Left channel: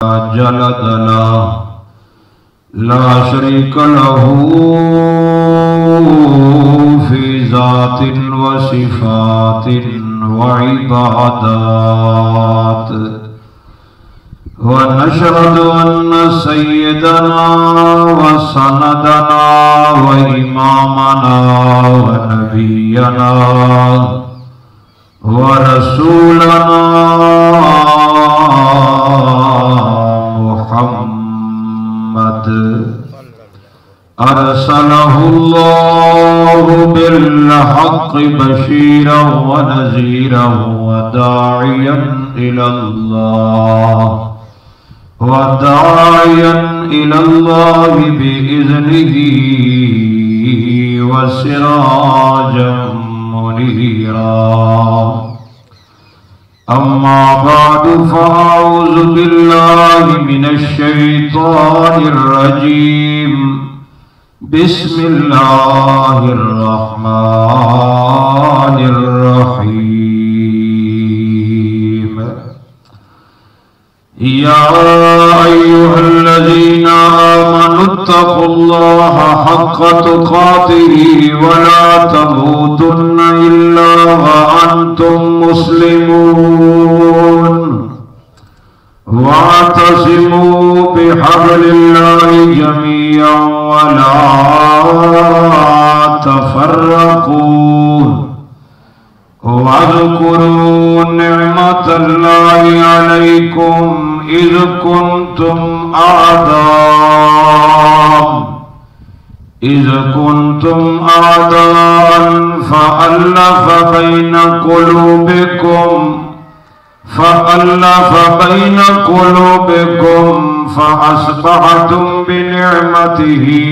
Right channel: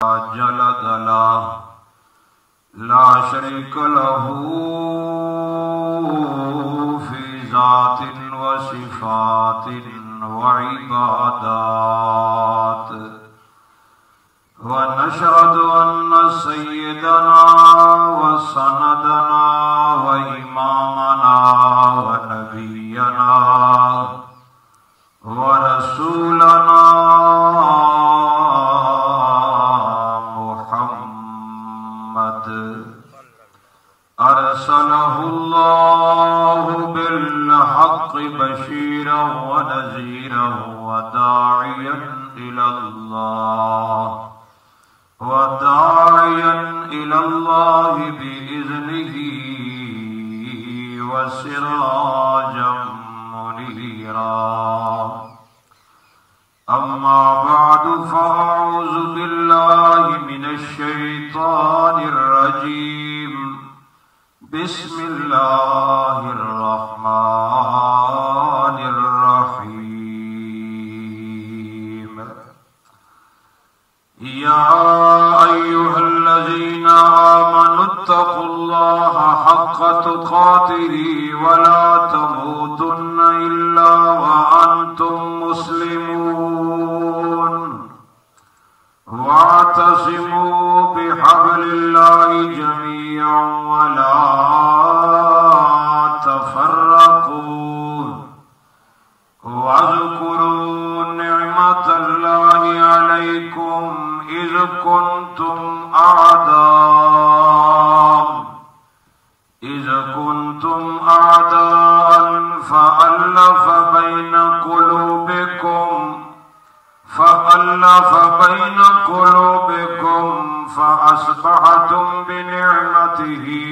जलदला ला शरीक लहू फी ज़ातिन व सिफ़ातिन व इबादात व नशहदु अन्न सय्यदना व सनदना व इमामना व नबियना व रसूलना मुहम्मद अरसलहुल्लाहु बिल्हक़्क़ि बशीरन व नज़ीरन व दाइयन इलल्लाहि बिइज़्निही व सिराजम मुनीरा। अम्मा बादु फ़अऊज़ु बिल्लाहि मिनश शैतानिर रजीम। बिस्मिल्लाहिर रहमानिर रहीम। या अय्युहल्लज़ीना आमनुत्तक़ुल्लाहा हक़्क़ तुक़ातिही व ला तमूतुन्ना इल्ला व अंतुम मुस्लिमून। वातसिमू बिहब्लिल्लाहि जमीअन व ला तफ़र्रक़ू वज़्कुरू निअमतल्लाहि अलैकुम इज़ कुंतुम आदाअन फ़अल्लफ़ बैन क़ुलूबिकुम फ़अस्बहतुम बिनिअमतिही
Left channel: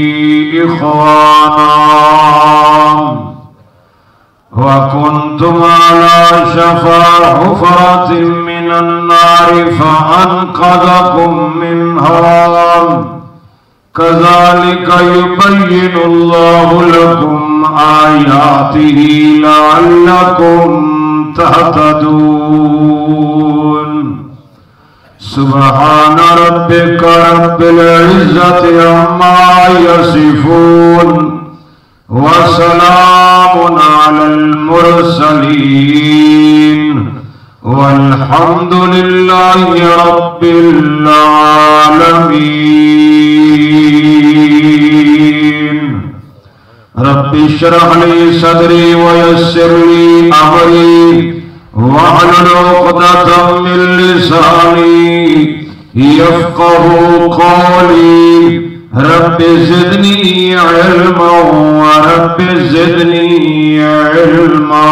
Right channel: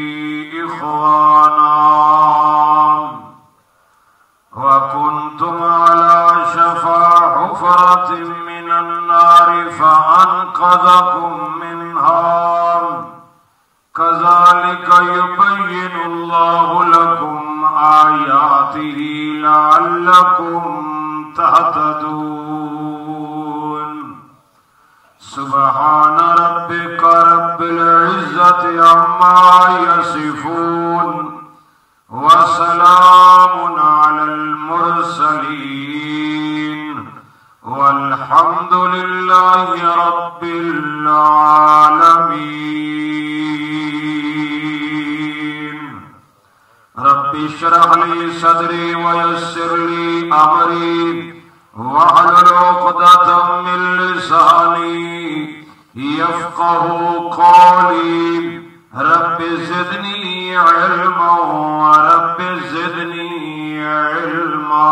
इख़वाना व कुंतुम अला शफ़ा हुफ़रतिन मिनन नारि फ़अन्क़ज़कुम मिन्हा। कज़ालिका युबय्यिनुल्लाहु लकुम आयातिही लअल्लकुम तहतदून। सुब्हान रब्बिका रब्बिल इज़्ज़ति अम्मा यसिफून व सलामुन अलल मुरसलीन वल्हम्दुलिल्लाहि रब्बिल आलमीन। रब्बि इश्रह ली सदरी व यस्सिर ली अमरी वहलुल उक़दतम मिन लिसानी यफ़क़हू क़ौली। रब्बि ज़िदनी इल्मन व रब्बि ज़िदनी इल्मा।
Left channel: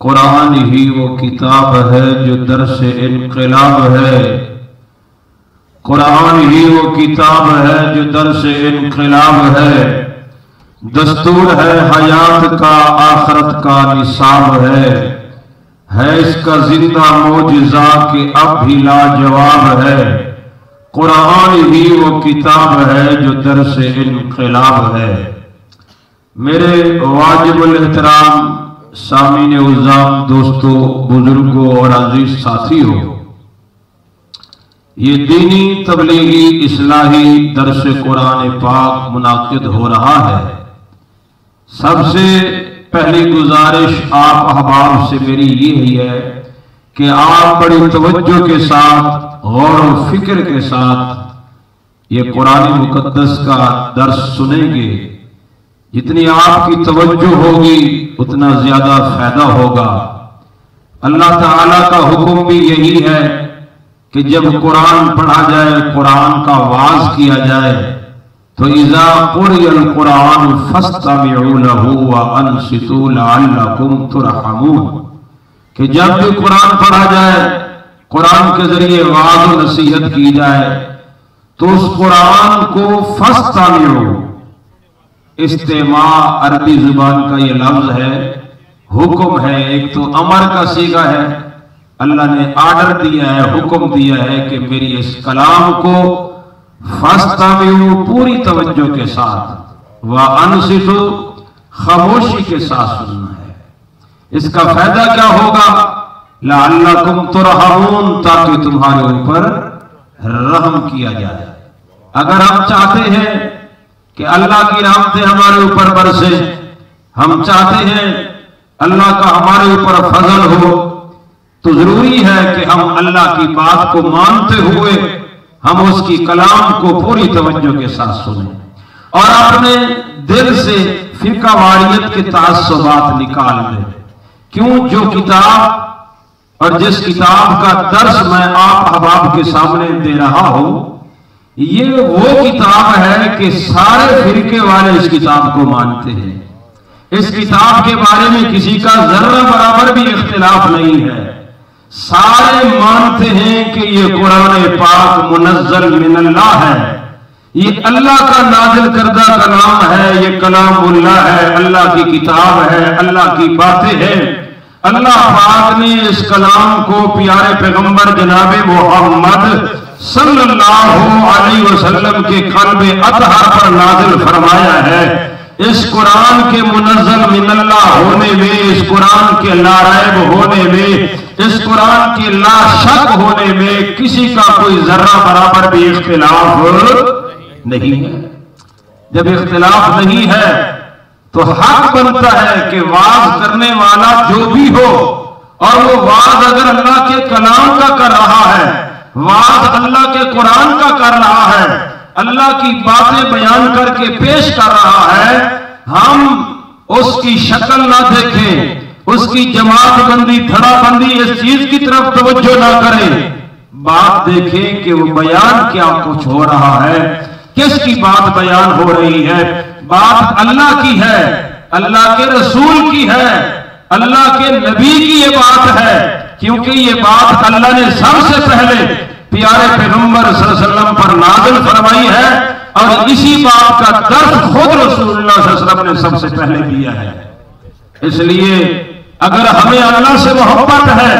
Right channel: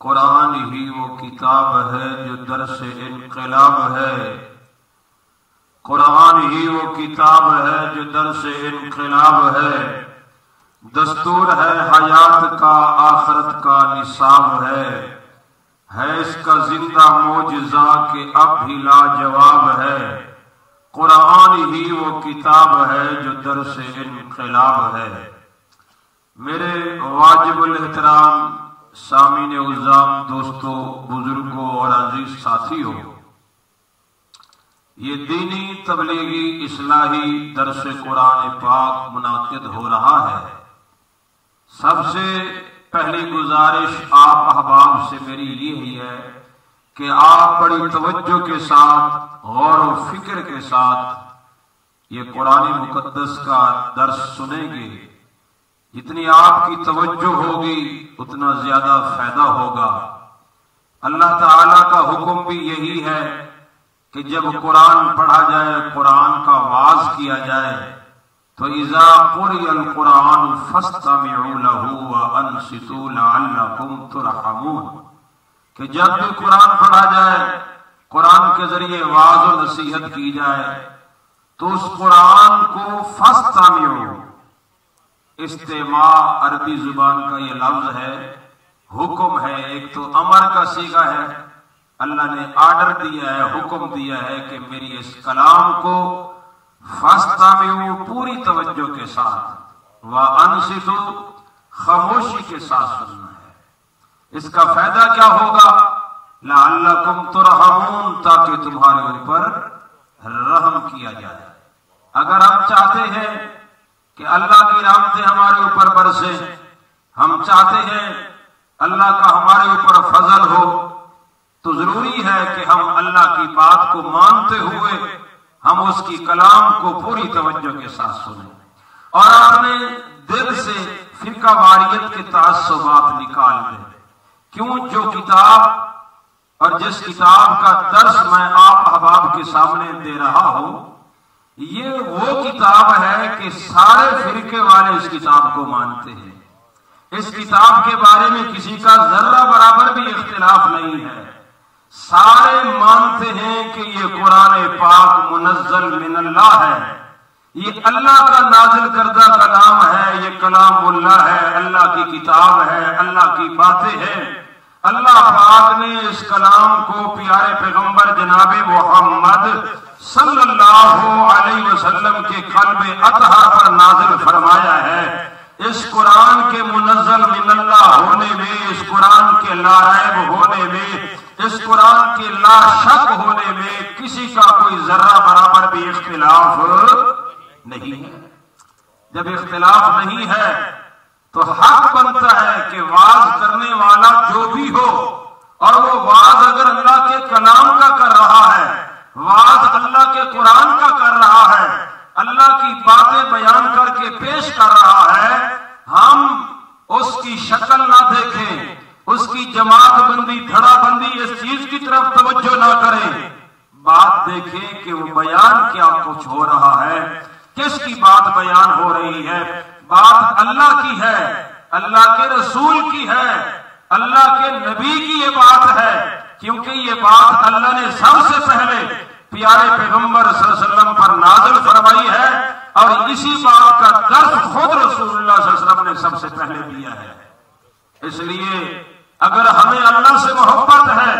कुरान ही वो किताब है जो दरसे इनक़िलाब है। कुरान ही वो किताब है जो दरसे इनक़िलाब है। दस्तूर है हयात का, आखरत का निसाब है इसका जिंदा मौजिज़ा के अब भी लाजवाब है। कुरान ही वो किताब है जो दरसे इनक़िलाब है। मेरे वाजिबुल एहतराम सामीन उज़्ज़ाम, दोस्तों, बुजुर्गों और अजीज साथियों, ये दीनी तबलीगी इस्लाही दरस कुरान पाक मुनाकिद हो रहा है। सबसे पहली गुजारिश आप अहबाब से मेरी ये ही है कि आप बड़ी तवज्जो के साथ, गौर व फिक्र के साथ ये कुरान मुकद्दस का दर्स सुनेंगे। जितनी आपकी तवज्जो होगी उतना ज्यादा फायदा होगा। अल्लाह ताला का हुक्म भी यही है कि जब कुरान पढ़ा जाए, कुरान का वाज किया जाए तो इज़ा क़ुरिअल कुरान फ़स्तमिऊ लहू व अन्सितू लअल्लकुम तुरहमून, कि जब भी कुरान पढ़ा जाए, कुरान के जरिए वाज़ व नसीहत की जाए तो उस कुरान को फ़स्तमिऊ, इस्तेमा अरबी जुबान का ये लफ्ज है, हुक्म है। एक तो अमर का सीगा है, अल्लाह ने आर्डर दिया है, हुक्म दिया है कि मेरी इस कलाम को फ़स्तमिऊ पूरी तवज्जो के साथ, व अनसितू खामोशी के साथ सुनना है। इसका फायदा क्या होगा लअल्लकुम तुरहमून, ताकि तुम्हारे ऊपर रहम किया जाए। अगर हम चाहते हैं कि अल्लाह की रहमतें हमारे ऊपर बरसे, हम चाहते हैं अल्लाह का हमारे ऊपर फजल हो, तो जरूरी है कि हम अल्लाह की बात को मानते हुए हम उसकी कलाम को पूरी तवज्जो के साथ सुने और अपने दिल से फिरका वारियत के तासुबात निकाल दें। क्यों? जो किताब और जिस किताब का दर्स मैं आप अहबाब के सामने दे रहा हूं, ये वो किताब है कि सारे फिरके वाले इस किताब को मानते हैं। इस किताब के बारे में किसी का जर्रा बराबर भी इख्तिलाफ नहीं है। सारे मानते हैं कि ये कुरान पाक मुनज़्ज़ल मिनल्लाह है, ये अल्लाह का नाजिल करदा कलाम है, ये कलामुल्लाह है, अल्लाह की किताब है, अल्लाह की बातें हैं। अल्लाह पाक ने इस कलाम को प्यारे पैगंबर जनाब मोहम्मद सल्लल्लाहु अलैहि वसल्लम के क़ल्बे अतहर पर नाजिल फरमाया है। इस कुरान के मुनज़्ज़ल मिनल्लाह होने में, इस कुरान के लारैब होने में, इस कुरान के लाशक होने में किसी का कोई जर्रा बराबर भी इख्तिलाफ नहीं है। जब इख्तिलाफ नहीं है तो हक बनता है कि वाज करने वाला जो भी हो, और वो वाज अगर अल्लाह के कलाम का कर रहा है, वाज अल्लाह के कुरान का कर रहा है, अल्लाह की बातें बयान करके पेश कर रहा है, हम उसकी शक्ल ना देखें, उसकी जमात बंदी धड़ाबंदी इस चीज की तरफ तवज्जो ना करें, बात देखें कि वो बयान क्या कुछ हो रहा है, किसकी बात बयान हो रही है। बात अल्लाह की है, अल्लाह के रसूल की है, अल्लाह के नबी की ये बात है, क्योंकि ये बात अल्लाह ने सबसे पहले प्यारे पैगंबर सल्लल्लाहु अलैहि वसल्लम पर नाज़िल फरमाई है, और इसी बात का दर्स खुद रसूलुल्लाह सल्लल्लाहु अलैहि वसल्लम ने सबसे पहले दिया है। इसलिए अगर हमें अल्लाह से मोहब्बत है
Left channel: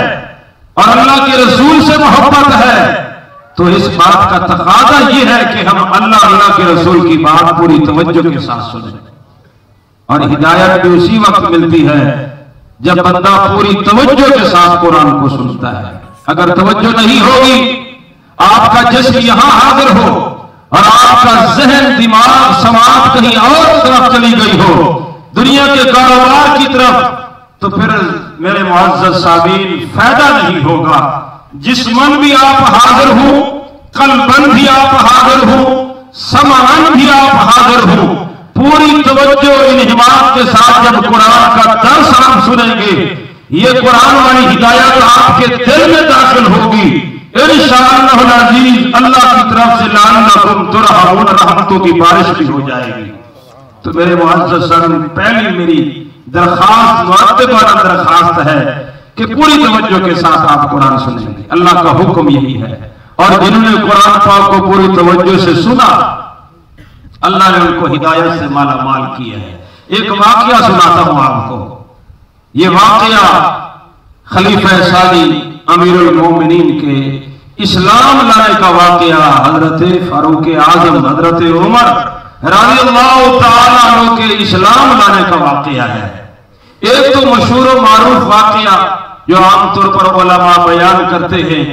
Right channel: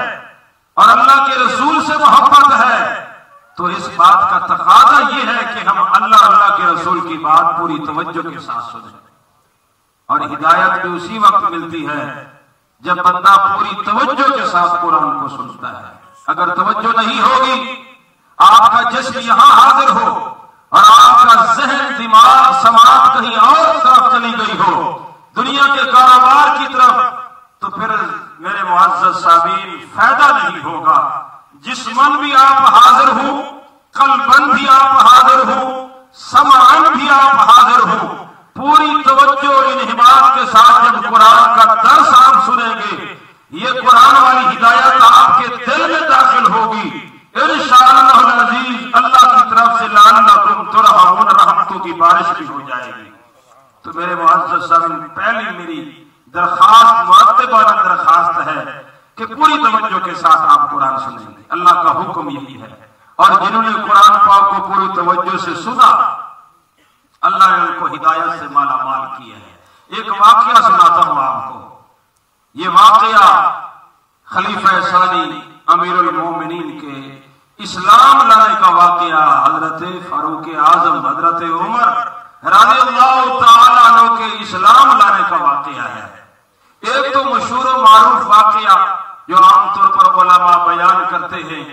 और अल्लाह के रसूल से मोहब्बत है, तो इस बात का तकाजा यह है कि हम अल्लाह के रसूल की बात पूरी तवज्जो के साथ सुने। और हिदायत भी उसी वक्त मिलती है जब बंदा पूरी तवज्जो के साथ कुरान को सुनता है। अगर तवज्जो नहीं होगी, आपका जिस्म यहां हाजिर हो और आपका जहन दिमाग समाज कहीं और तरफ चली गई हो, दुनिया के कारोबार की तरफ, तो फिर मेरे मुअज़्ज़ज़ सामीन फायदा नहीं होगा। जिस्मन भी आप हाजिर हो, कल्बन भी आप हाजिर हो, समान भी आप हाजिर हो, पूरी तवज्जो इन्हिमात के साथ जब कुरान का दर्स आप सुनेंगे, ये कुरान वाली हिदायत आपके दिल में दाखिल होगी। इंशाअल्लाह अज़ीज़ अल्लाह की तरफ से लअल्लकुम तुरहमून, रहमतों की बारिश भी हो जाएगी। तो मेरे मुअज़्ज़ज़ सामीन, पहली मेरी दरखास्त, मुअत्तबाना दरखास्त है कि पूरी तवज्जो के साथ आप कुरान सुनेंगे। अल्लाह का हुक्म यही है, और जिन्होंने कुरान पाक को पूरी तवज्जो से सुना, अल्लाह ने उनको हिदायत से माला माल किया है। एक वाकया सुनाता हूं आपको। ये वाकया खलीफा सानी अमीरुल मोमिनीन के इस्लाम लाने का वाकया हजरत फारूक आजम हजरत उमर रज़ियल्लाहु तआला अन्हु के इस्लाम लाने का वाकया है। एक तो मशहूर और मारूफ वाकया जो आमतौर पर उलमा बयान करते हैं,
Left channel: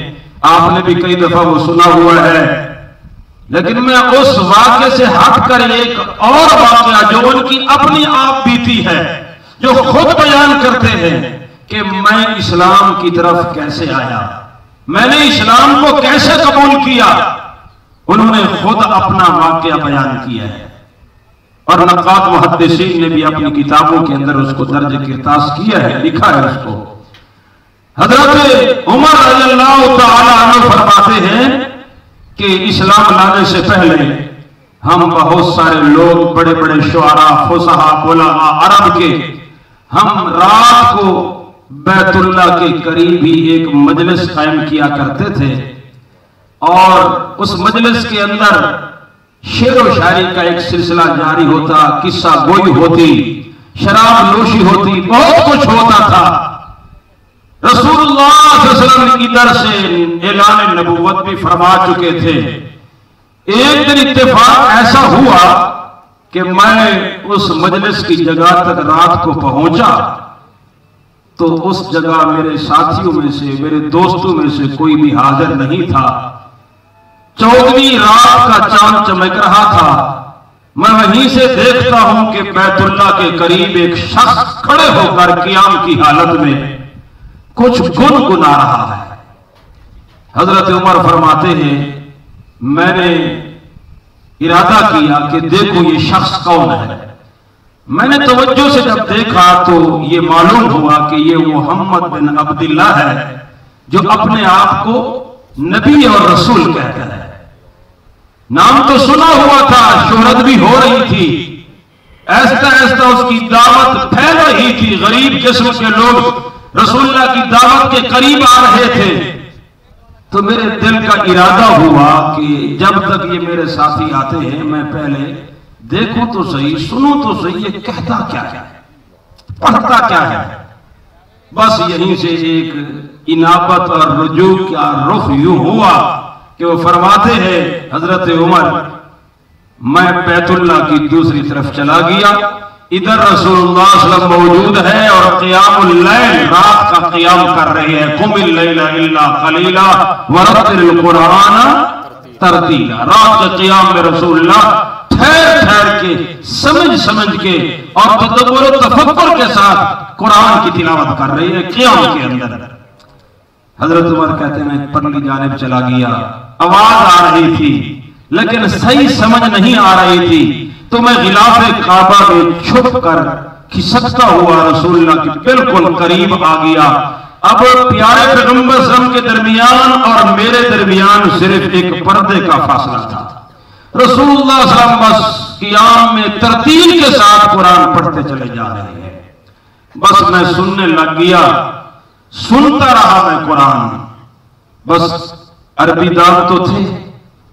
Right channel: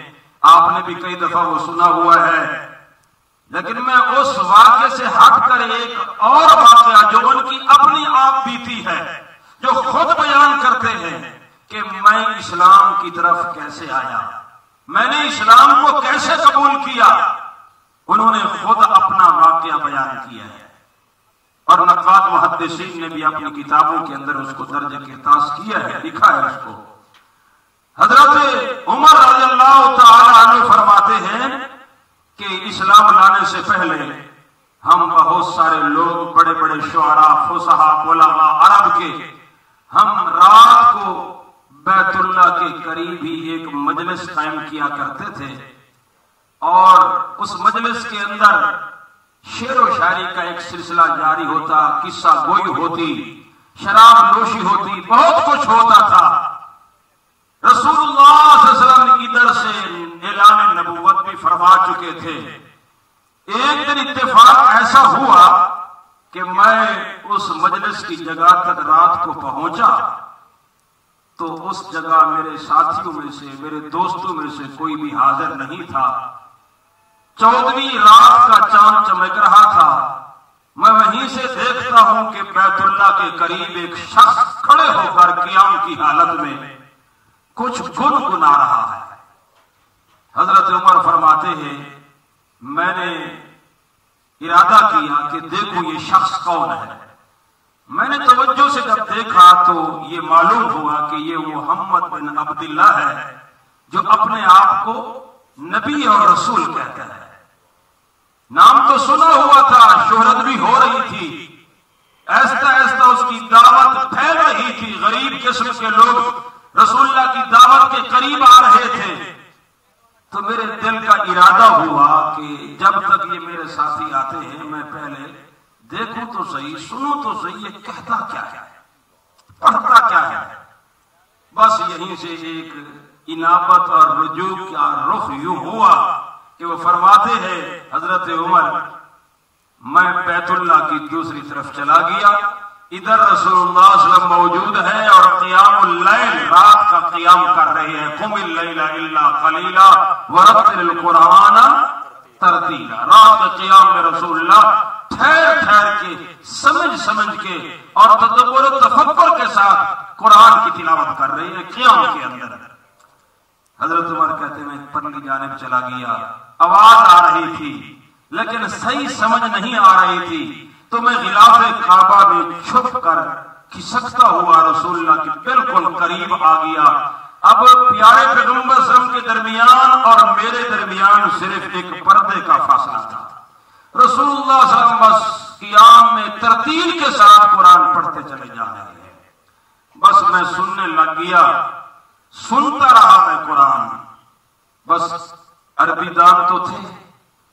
आपने भी कई दफा वो सुना हुआ है, लेकिन मैं उस वाकये से हटकर एक और वाकया जो उनकी अपनी आप बीती है, जो खुद बयान करते हैं कि मैं इस्लाम की तरफ कैसे आया, मैंने इस्लाम को कैसे कबूल किया, उन्होंने खुद अपना वाकया बयान किया है। और नक़ात मुहद्दिसीन ने भी अपनी किताबों के अंदर उसको दर्ज किरतास किया है, लिखा है उसको। हजरत उमर रज़ियल्लाहु तआला अन्हु फरमाते हैं कि इस्लाम लाने से पहले हम बहुत सारे लोग, बड़े बड़े शुआरा, फुसहा, उलमा अरब के, हम रात को बैतुल्ला के करीब ही एक मजलिस कायम किया करते थे, और उस मजलिस के अंदर शेर व शायरी का एक सिलसिला जारी होता, किस्सा गोई होती, शराब नोशी होती, बहुत कुछ होता था। रसूलुल्लाह सल्लल्लाहु अलैहि वसल्लम इधर से ऐलान नबुव्वत भी फरमा चुके थे। एक दिन इत्तेफाक ऐसा हुआ कि मैं उस मजलिस की जगह तक रात को पहुंचा, तो उस जगह मेरे साथियों में से, मेरे दोस्तों में से कोई भी हाजिर नहीं था। 14वीं रात का चांद चमक रहा था। मैं वहीं से देखता हूं कि बैतुल्लाह के करीब एक शख्स खड़े होकर क़ियाम की हालत में कुछ गुनगुना रहा है। हजरत उमर फरमाते हैं, मैंने इरादा किया कि देखो ये शख्स कौन है। मैंने तवज्जो से जब देखा तो ये मालूम हुआ कि ये मोहम्मद बिन अब्दुल्लाह है, जो अपने आप को नबी और रसूल कहता है। नाम तो सुना हुआ था, शोहरत भी हो रही थी, ऐसा ऐसा उसकी दावत फैल रही थी। गरीब किस्म के लोग रसूलुल्लाह की दावत के करीब आ रहे थे। तो मेरे दिल का इरादा हुआ कि जब तक ये मेरे साथी आते हैं मैं पहले देखूं तो सही, सुनूं तो सही, ये कहता क्या है, पढ़ता क्या है। बस यहीं से एक इनाबत और रुजू का रुख यूं हुआ कि वो फरमाते हैं, हजरत उमर, मैं बैतुल्लाह की दूसरी तरफ चला गया। इधर रसूलुल्लाह सल्लल्लाहु अलैहि वसल्लम मौजूद है और क़ियामुल लैल, रात का क़ियाम कर रहे हैं। कुमिल लैला इल्ला क़लीला वरत्तिल कुरान तरतीला। रात के क़ियाम में रसूलुल्लाह ठहर ठहर के, समझ समझ के और तदब्बुर और तफक्कुर के साथ कुरान की तिलावत कर रहे हैं क़ियाम के अंदर। हजरत उमर कहते हैं, मैं परली जानिब चला गया। आवाज आ रही थी लेकिन सही समझ नहीं आ रही थी, तो मैं गिलाफे काबा में छुप कर खिसकता हुआ रसूलुल्लाह के बिल्कुल करीब आ गया। अब प्यारे पैगंबर सल्लल्लाहु के दरमियान और मेरे दरमियान सिर्फ एक पर्दे का फासला था। रसूलुल्लाह सल्लल्लाहु अलैहि वसल्लम बस क़ियाम में तरतील के साथ कुरान पढ़ते चले जा रहे हैं। बस मैं सुनने लग गया, सुनता रहा मैं कुरान। बस अरबीदान तो थे,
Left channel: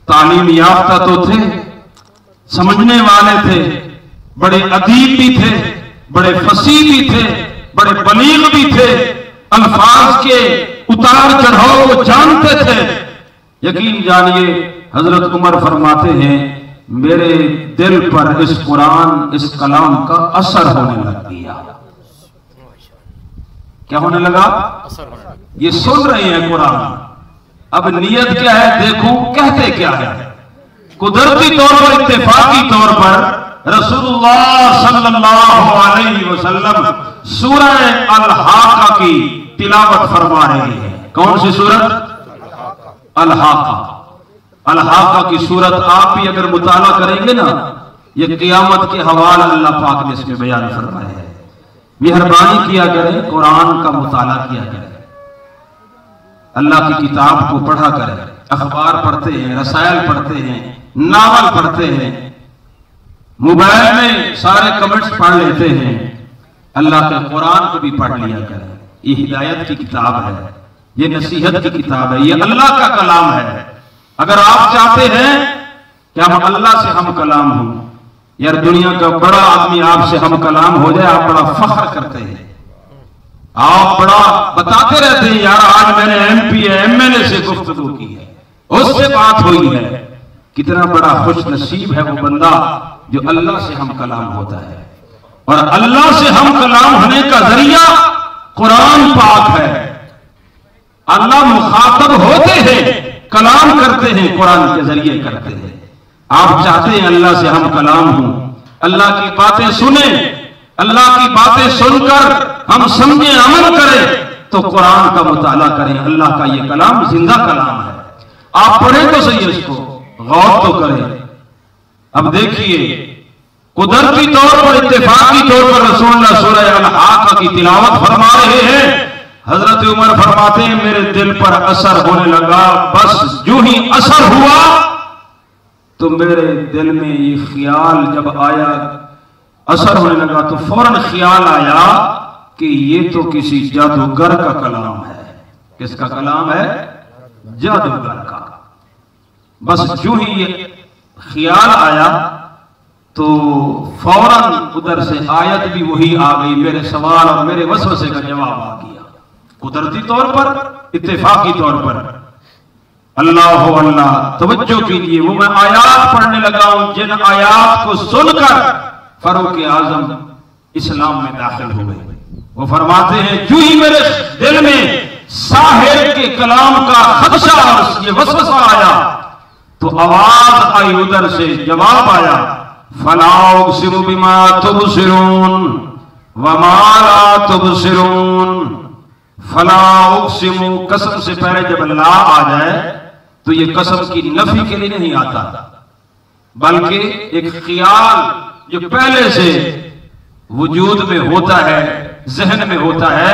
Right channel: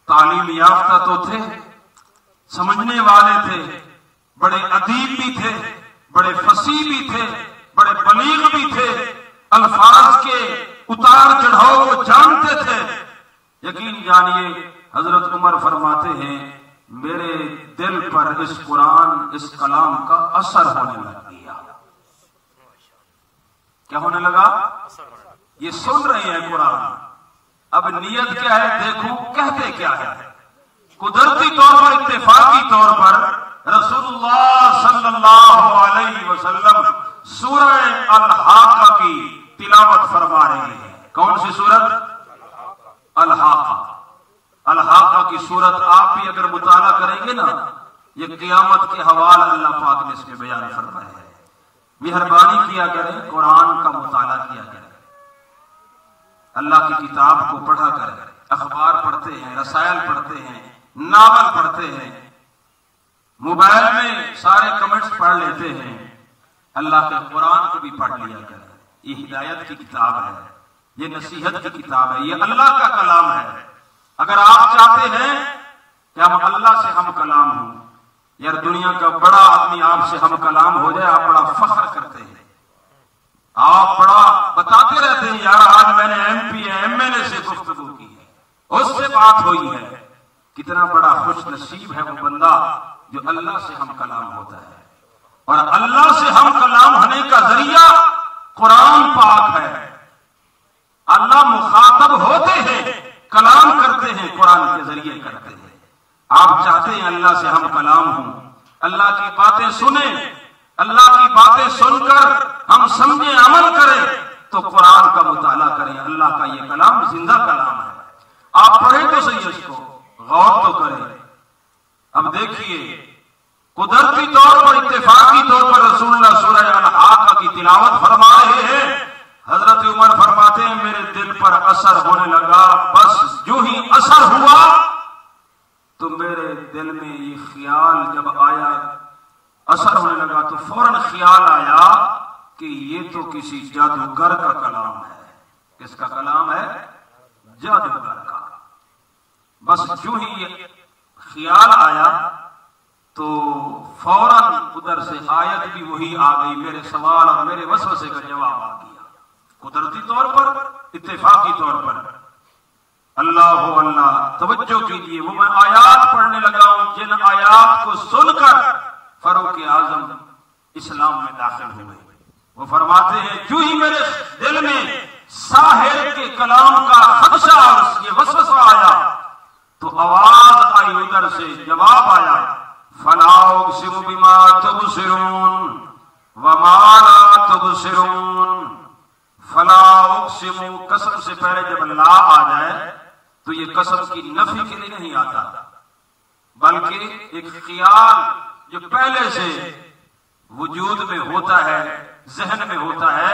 तालीम याफ्ता तो थे, समझने वाले थे, बड़े अदीब भी थे, बड़े फसीह भी थे, बड़े बलीग भी थे, अल्फाज के उतार चढ़ाव वो जानते थे। यकीन जानिए, हजरत उमर फरमाते हैं, मेरे दिल पर इस कुरान, इस कलाम का असर होने लग गया। क्या होने लगा? ये सुन रहे हैं कुरान, अब नियत क्या है देखो, कहते क्या है। कुदरती तौर पर, इत्तेफाकी तौर पर रसूलुल्लाह सल्लल्लाहु अलैहि वसल्लम सूरह अल-हाक़ा की तिलावत फरमा रहे हैं। कौन सी सूरत? अल-हाक़ा। अल-हाक़ा की सूरत आप भी अगर मुताला करेंगे ना, ये क़ियामत के हवाला अल्लाह पाक ने इसमें बयान फरमाया है। मेहरबानी किया करें, कुरान का मुताला किया करें, अल्लाह की किताब को पढ़ा करें। अखबार पढ़ते हैं, रसायल पढ़ते हैं, नावल पढ़ते हैं, मोबाइल में सारे कमेंट्स पढ़ लेते हैं, अल्लाह के कुरान को भी पढ़ लिया करें। ये हिदायत की किताब है, ये नसीहत की किताब है, ये अल्लाह का कलाम है। अगर आप चाहते हैं कि हम अल्लाह से हम कलाम हो, यार दुनिया का बड़ा आदमी आपसे हम कलाम हो जाए, आप बड़ा फख्र करते हैं, आप बड़ा बताते रहते हैं, यार आज मैंने MP MLA से गुफ्तगू की है, उससे बात हुई है। कितना बड़ा खुश नसीब है वो बंदा जो अल्लाह से हम कलाम होता है। और अल्लाह से हम कलाम होने का जरिया कुरान पाक है। अल्लाह मुखातब होते हैं, कलाम करते हैं, कुरान के जरिए करते हैं। आप चाहते हैं अल्लाह से हम कलाम हों, अल्लाह की बातें सुने, अल्लाह की बातें सुनकर हम समझे, अमल करें, तो कुरान का मुताला करें। अल्लाह का ये कलाम जिंदा कलाम है। आप पढ़ें तो सही, इसको गौर तो करें। अब देखिए, कुदरती तौर पर, इत्तेफाकी तौर पर रसूलुल्लाह सूरह अल-हाक़ा की तिलावत फरमा रहे हैं। हजरत उमर फरमाते हैं, मेरे दिल पर असर होने लगा। बस जो ही असर हुआ तो मेरे दिल में ये ख्याल जब आया, असर होने लगा, तो फौरन ख्याल आया कि ये तो किसी जादूगर का कलाम है। किसका कलाम है? जादूगर का। बस जो ही ये ख्याल आया तो फौरन उधर से आयत भी वही आ गई, मेरे सवाल और मेरे वसवसे का जवाब आ गया। कुदरती तौर पर, इत्तेफाकी तौर पर। अल्लाह हो अल्लाह, तवज्जो कीजिए, वो मैं आयात पढ़ने लगा हूं जिन आयात को सुनकर फारूक आजम इस्लाम में दाखिल हो गए। वो फरमाते हैं जो ही मेरे दिल में साहिर के कलाम का खदशा और ये वसवसा आया तो आवाज आई, उधर से जवाब आया, फला उक़सिमु बिमा तुबसिरून वमा ला तुबसिरून। फला उक़सिमु, कसम से पहले जब ला आ जाए तो ये कसम की नफी के लिए नहीं आता, बल्कि एक ख्याल जो पहले से वजूद में होता है, जहन में होता है,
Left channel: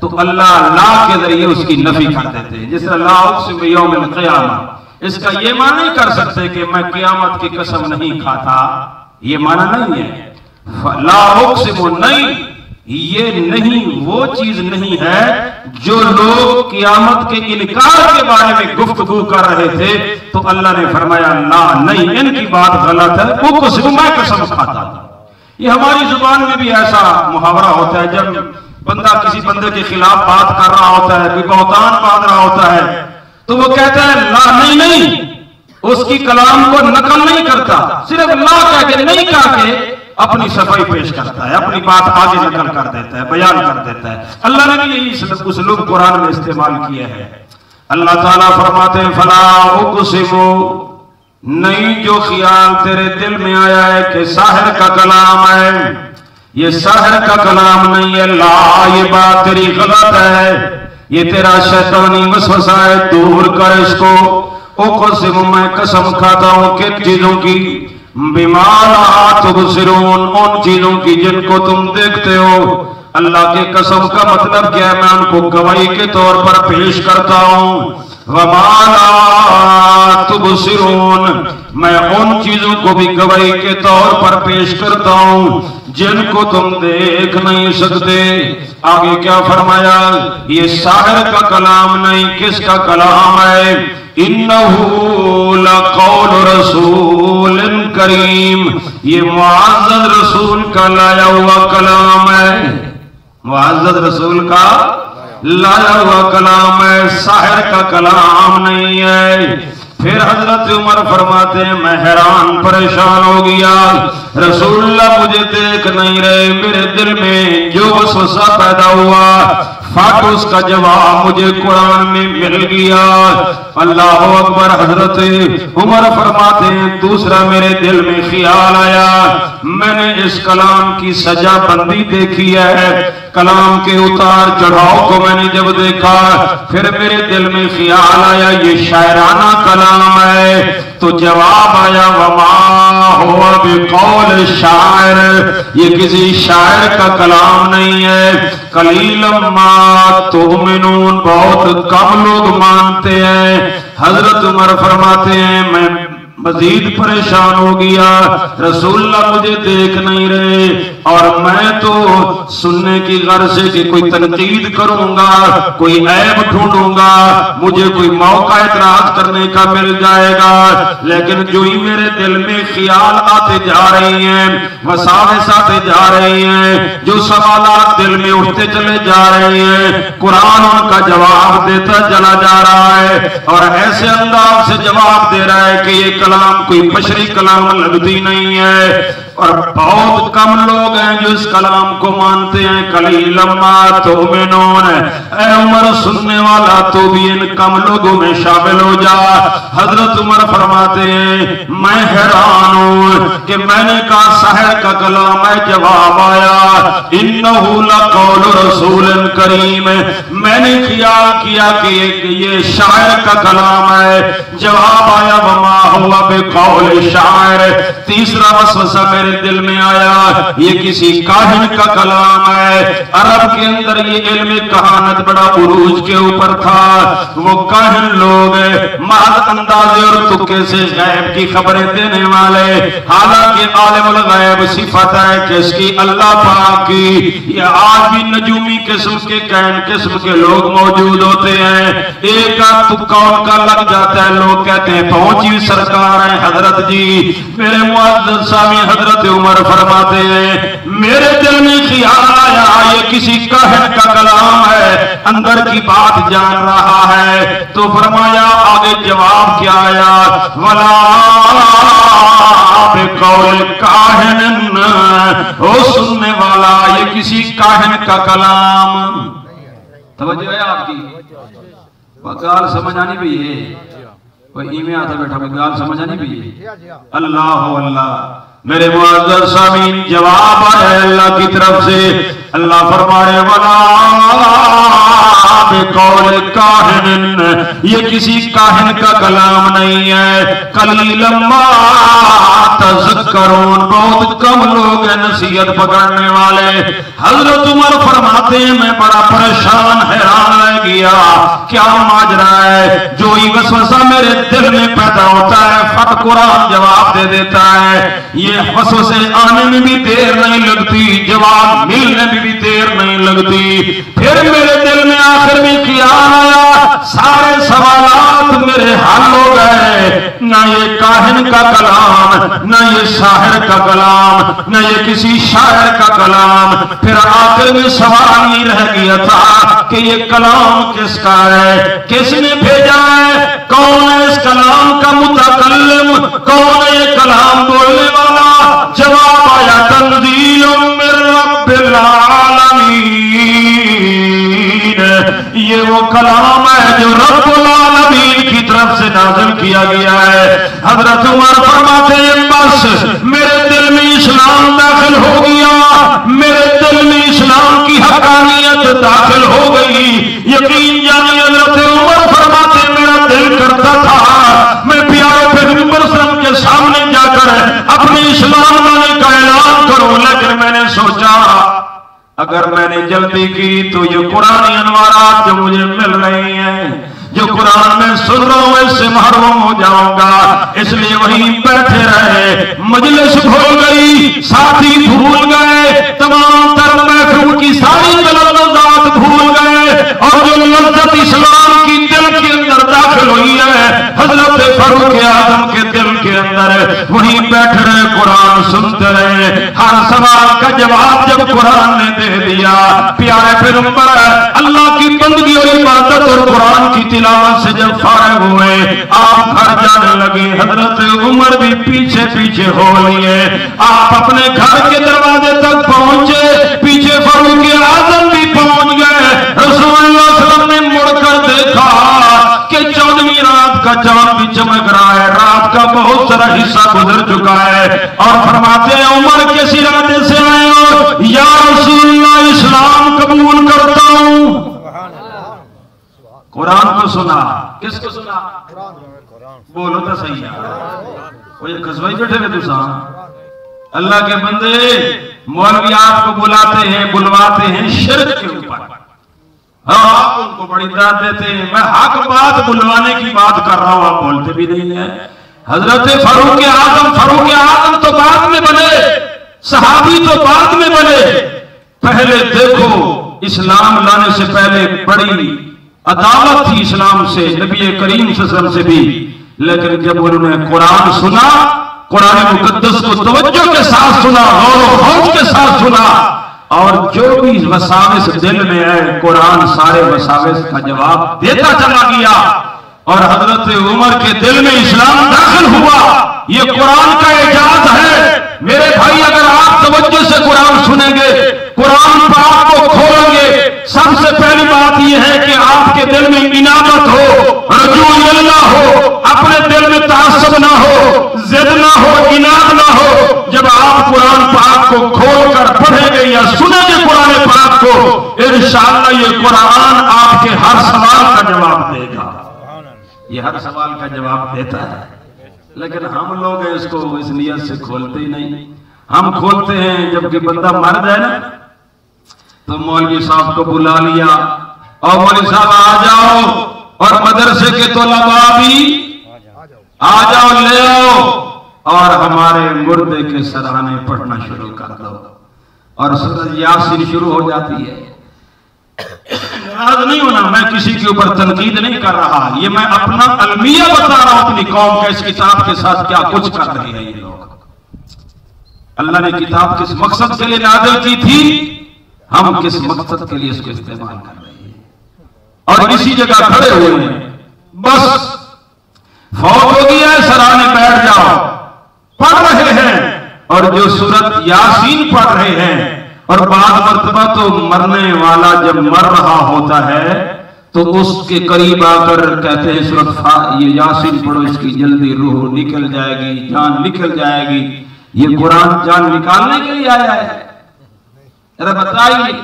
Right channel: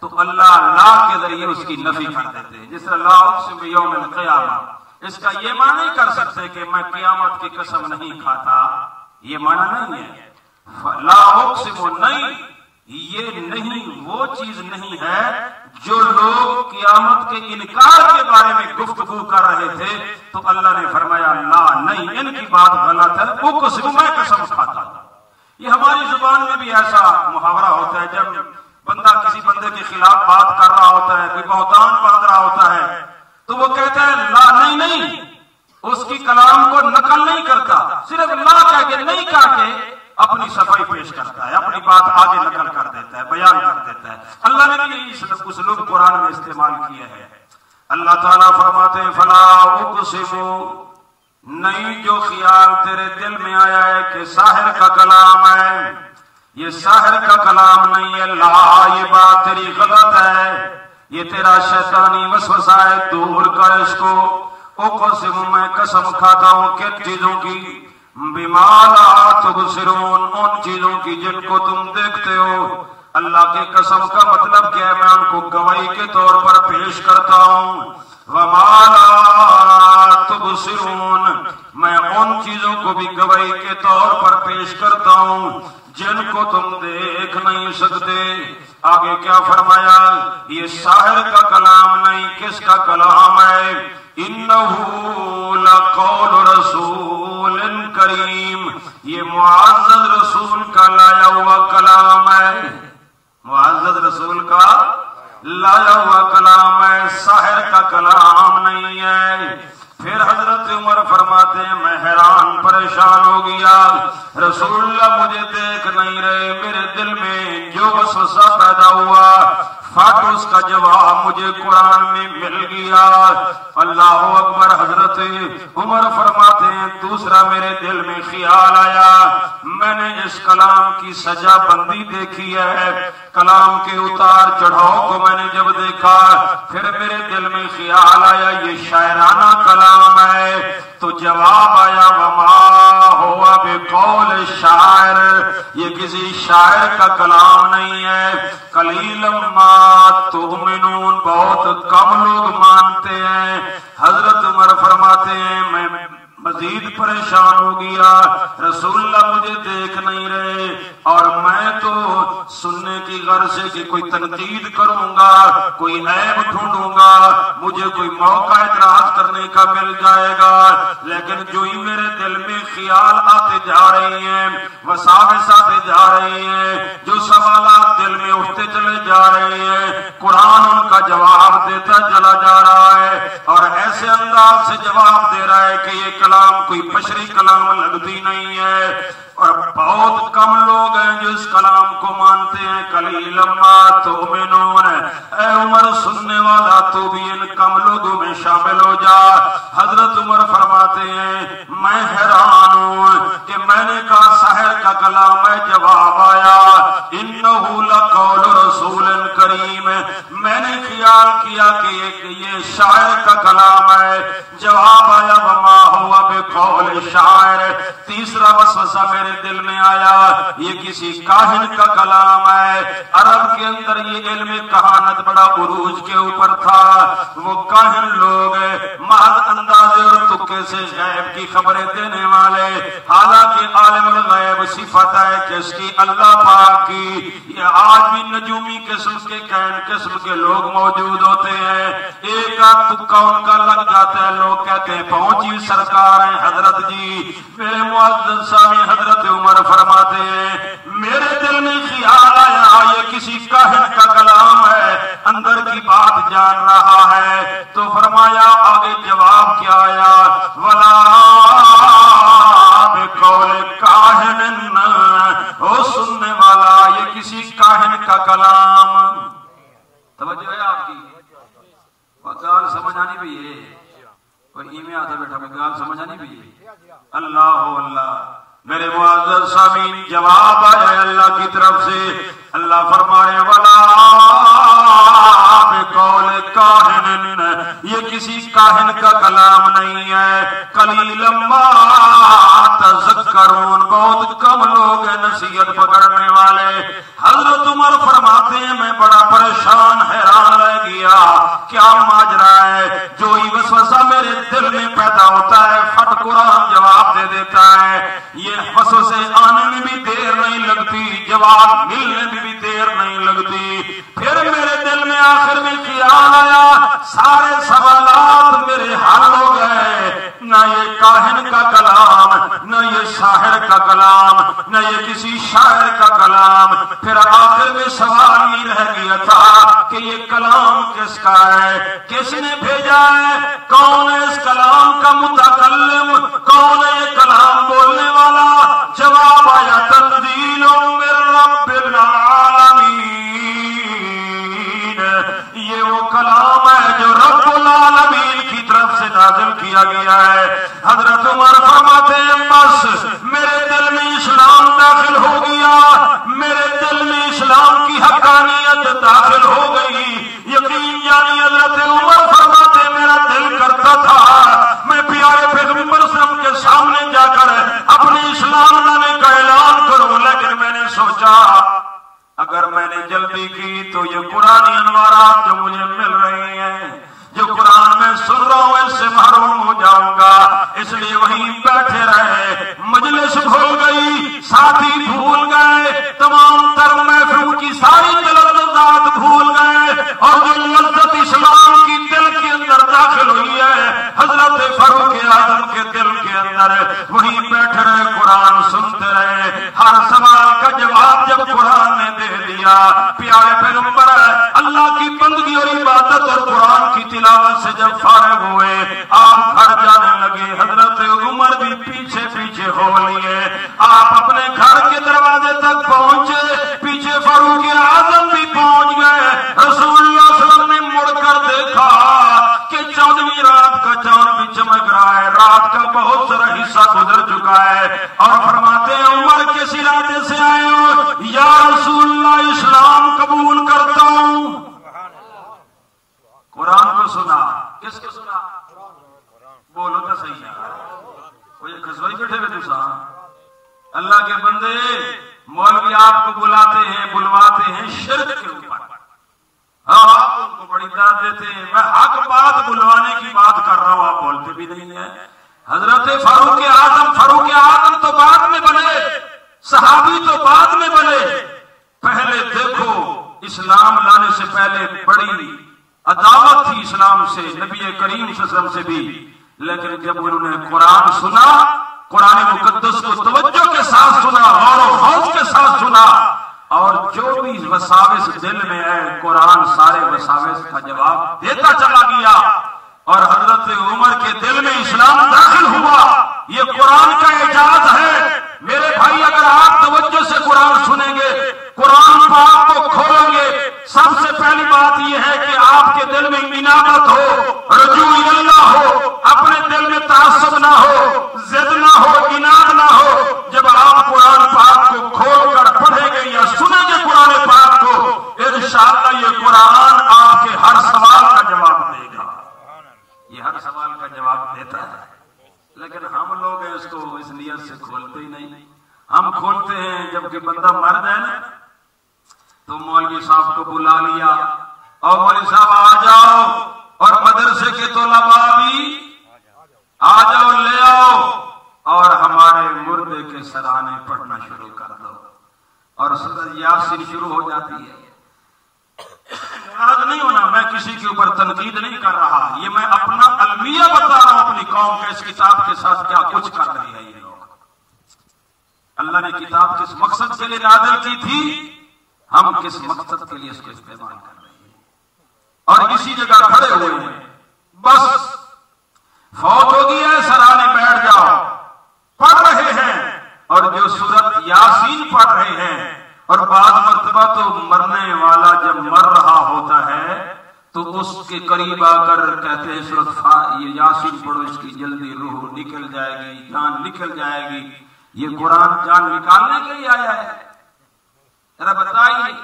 तो अल्लाह ला के जरिए उसकी नफी कर देते हैं। जिस तरह ला उक़सिमु यौमिल क़ियामा, इसका ये माना नहीं कर सकते कि मैं क़यामत की कसम नहीं खाता, ये माना नहीं है। ला उक़सिमु नहीं, ये नहीं, वो चीज नहीं है जो लोग क़यामत के इनकार के बारे में गुफ्तगू कर रहे थे, तो अल्लाह ने फरमाया ला नहीं, इनकी बात गलत है, उक़सिमु मैं कसम खाता हूं। ये हमारी जुबान में भी ऐसा मुहावरा होता है, जब बंदा किसी बंदे के खिलाफ बात कर रहा होता है, कोई बहतान बांध रहा होता है, तो वो कहता है ला नहीं नहीं, उसकी कलाम को नकल नहीं करता, सिर्फ ला कह के नहीं कह के अपनी सफाई पेश करता है, अपनी बात आगे नकल कर देता है, बयान कर देता है। अल्लाह ने भी यही उसलूब कुरान में इस्तेमाल किया है। अल्लाह ताला फरमाते हैं फला उक़सिमु, नहीं जो ख्याल तेरे दिल में आया है कि साहिर का कलाम है, ये साहिर का कलाम नहीं है, ला ये बात तेरी गलत है, ये तेरा शैतानी वसवसा है, दूर कर इसको। उक़सिमु मैं कसम खाता हूं किन चीजों की, बिमा ला तुबसिरून, उन चीजों की जिनको तुम देखते हो। अल्लाह के कसम का मतलब क्या है, मैं उनको गवाही के तौर पर पेश करता हूं। वमा ला तुबसिरून, मैं उन चीजों को भी गवाही के तौर पर पेश करता हूं जिनको तुम देख नहीं सकते। आगे क्या फरमाया, ये साहिर का कलाम नहीं, किसका कलाम है, इन्नहु लक़ौलु रसूलिन करीम, ये मुअज़्ज़ज़ रसूल का लाया हुआ कलाम है, मुअज़्ज़ज़ रसूल का लाया हुआ कलाम है, साहिर का कलाम नहीं है। फिर हजरत उमर फरमाते हैं मैं हैरान परेशान हो गया, रसूलुल्लाह मुझे देख नहीं रहे, मेरे दिल में जो वसवसा पैदा हुआ फट उसका जवाब मुझे कुरान में मिल गया। अल्लाह अकबर। हजरत उमर फरमाते हैं दूसरा मेरे दिल में ख्याल आया, मैंने इस कलाम की सजा बंदी देखी है, कलाम के उतार चढ़ाव को मैंने जब देखा फिर मेरे दिल में ख्याल आया ये शायराना कलाम है, तो जवाब आया वमा हुआ बिकौल शायर, ये किसी शायर का कलाम नहीं है। कलीलम मा तुमिनून, बहुत कम लोग मानते हैं। हजरत उमर फरमाते हैं मैं मजीद परेशान हो गया, रसूलुल्लाह मुझे देख नहीं रहे और मैं तो सुनने की गर्ज से कि कोई तनकीद करूंगा, कोई ऐब ढूंढूंगा, मुझे कोई मौका इतराज करने का मिल जाएगा, लेकिन जो ही मेरे दिल में ख्याल आते जा रहे हैं, वसावेस आते जा रहे हैं, जो सवालात दिल में उठते चले जा रहे हैं, कुरान उनका जवाब देता चला जा रहा है और ऐसे अंदाज से जवाब दे रहा है कि ये कलाम कोई बशरी कलाम लगती नहीं है। और बहुत कम लोग हैं जो इस कलाम को मानते हैं। कलीलम मा तुमिनून, ऐ उमर सुनने वाला तो भी इन कम लोगों में शामिल हो जा। हजरत उमर फरमाते हैं मैं हैरान हूं कि मैंने कहा साहिर का कलाम है, जवाब आया इन्नहु लक़ौलु रसूलिन करीम, मैंने ख्याल किया कि ये शायर का कलाम है, जवाब आया वमा हुआ बिकौल शायर। तीसरा वसवसा मेरे दिल में आया ये किसी काहिन का कलाम है। अरब के अंदर ये इल्म कहानत बड़ा उरूज के ऊपर था, वो काहिन लोग महज अंदाजे और तुक्के से गैब की खबरें देने वाले, हालांकि आलिमुल गैब सिफत है किसकी, अल्लाह पाक की। ये आज भी नजूमी किस्म के काहिन किस्म के लोग मौजूद होते हैं, एक आध तुक्का उनका लग जाता है, लोग कहते हैं पहुंची सरकार है हजरत जी, मेरे मुअज्जज़ सामी हजरत हजरत उमर फरमाते हैं मेरे दिल में ख्याल आया ये किसी काहिन का कलाम है, अंदर की बात जान रहा है। तो फरमाया आगे जवाब क्या आया, वला बिकौल काहिन, ओ सुनने वाला ये किसी काहिन का कलाम। तवज्जो है आपकी, गाल समझ आनी भी है, कोई इमे आता बैठा कोई गाल समझ आनी भी है। अल्लाह अल्लाह मेरे मुअज़्ज़ज़ सामीन, जवाब है अल्लाह की तरफ से। अल्लाह फरमाए वला बिकौल काहिन, ये किसी काहिन का कलाम नहीं है। कलीलन मा तज़क्करून, बहुत कम लोग हैं नसीहत पकड़ने वाले। हजरत उमर फरमाते हैं मैं बड़ा परेशान हैरान रह गया, क्या माजरा है। जो ही वसवसा मेरे दिल में पैदा होता है फट कुरान जवाब दे देता है। ये वसवसे आने में भी देर नहीं लगती, जवाब मिलने में भी देर नहीं लगती। फिर मेरे दिल में आखिर में ख्याल आया सारे सवालात मेरे हल हो गए। ना ये काहिन का कलाम, ना ये शायर का कलाम, ना ये किसी शायर का कलाम। फिर आखिर में सवाल ही रह गया था कि ये कलाम किसका है, किसने भेजा है, कौन है इस कलाम का मुतकल्लिम, कौन है ये कलाम बोलने वाला। जवाब आया तंज़ीलुम मिर रब्बिल आलमीन, ये वो कलाम है जो रब्बुल आलमीन की तरफ से नाज़िल किया गया है। हजरत उमर फरमाते हैं बस मेरे दिल में इस्लाम दाखिल हो गया, मेरे दिल में इस्लाम की हक़ानियत दाखिल हो गई। यकीन जानिए हजरत उमर फरमाते मेरा दिल करता था मैं प्यारे पैगंबर सल्लल्लाहु अलैहि वसल्लम के सामने जाकर अपने इस्लाम लाने का ऐलान करूं, लेकिन मैंने सोचा अगर मैंने जल्दी की तो ये कुरानी अनवारात जो मुझे मिल रही हैं, जो कुरान में सुन रहा हूं, इससे महरूम हो जाऊंगा। इसलिए वहीं बैठे रहे, मजलिस भूल गई, साथी भूल गए, तमाम तर महफिल की सारी लज़्ज़त भूल गए, और जो लज़्ज़त इस्लाम की दिल के अंदर दाखिल हुई है हजरत फारूक आज़म के दिल के अंदर, वहीं बैठे रहे, कुरान सुनते रहे। हर सवाल का जवाब जब कुरान ने दे दिया, प्यारे पैगंबर अल्लाह की बंदगी और इबादत और कुरान की तिलावत से जब फारिग हुए, आप घर जाने लगे। हजरत उमर भी पीछे पीछे हो लिए, आप अपने घर के दरवाजे तक पहुंचे, पीछे फारूक आज़म भी पहुंच गए। रसूलुल्लाह सल्लल्लाहु अलैहि वसल्लम ने मुड़कर देखा कि 14वीं रात का चांद भी चमक रहा है, रात का बहुत सारा हिस्सा गुजर चुका है, और फरमाते हैं उमर किस इरादे से आए हो, या रसूलल्लाह इस्लाम कबूल करता हूं। कुरान को सुना, किसको सुना, बोलो तो सही है, कोई खसवाई बैठे हुए तुसा। अल्लाह के बंदे मौलवी आपको बुलाते हैं, बुलवाते हैं शिर्क के ऊपर, आप उनको बड़ी दाद देते हैं। मैं हक बात बुलवाने की बात कर रहा हूं, आप बोलते भी नहीं है। हजरत फारूक आज़म तो बाद में बने, सहाबी तो बाद में बने। पहले देखो इस्लाम लाने से पहले बड़ी अदावत थी इस्लाम से, नबी करीम सल्लल्लाहु अलैहि वसल्लम से भी, लेकिन जब उन्होंने कुरान सुना, कुरान मुकद्दस को तवज्जो के साथ सुना, और खौफ के साथ सुना, और जो भी वसाविस दिल में है कुरान सारे वसाविस का जवाब देता चला गया, और हजरत उमर के दिल में इस्लाम दाखिल हुआ। ये कुरान का एजाज है मेरे भाई। अगर आप तवज्जो से कुरान सुनेंगे, कुरान पाक को खोलेंगे, सबसे पहली बात यह है कि आपके दिल में इनाबत हो, रजू अल्लाह हो, अपने दिल में तासुब ना हो, जिद ना हो, इनाद ना हो। जब आप कुरान पाक को खोलकर पढ़ेंगे या सुनेंगे कुरान पाक को, इंशाअल्लाह ये कुरान आपके हर सवाल का जवाब देगा। ये हर सवाल का जवाब देता है, लेकिन हम लोग इसको इस नियत से खोलते ही नहीं। हम खोलते हैं जबकि बंदा मर जाए ना, तो मौलवी साहब को बुला लिया, और मौलवी साहब आ जाओ, और मदरसे के तलबा भी आ जाओ, ले आओ, और हमारे मुर्दे के सराहने पढ़ना शुरू कर दो, और सूरह यासीन शुरू हो जाती है। नाराज नहीं होना, मैं किसी के ऊपर तनकीद नहीं कर रहा, ये मैं अपना अलमिया बता रहा हूं अपनी कौम के इस किताब के साथ क्या कुछ कर रही है ये लोग। अल्लाह ने किताब किस मकसद के लिए नाज़िल की थी, हम किस मकसद के लिए इसको इस्तेमाल कर रहे हैं। और इसी जगह खड़े हुए हैं, बस फौत हो गया है, सराहने बैठ जाओ, पढ़ रहे हैं। और जो सूरत यासीन पढ़ रहे हैं, और बाद मर्तबा तो मरने वाला जब मर रहा होता है तो उसके करीब आकर कहते हैं सूरत ये यासीन पढ़ो, इसकी जल्दी रूह निकल जाएगी, जान निकल जाएगी। ये कुरान जान निकालने के लिए आया है? जरा बताइए,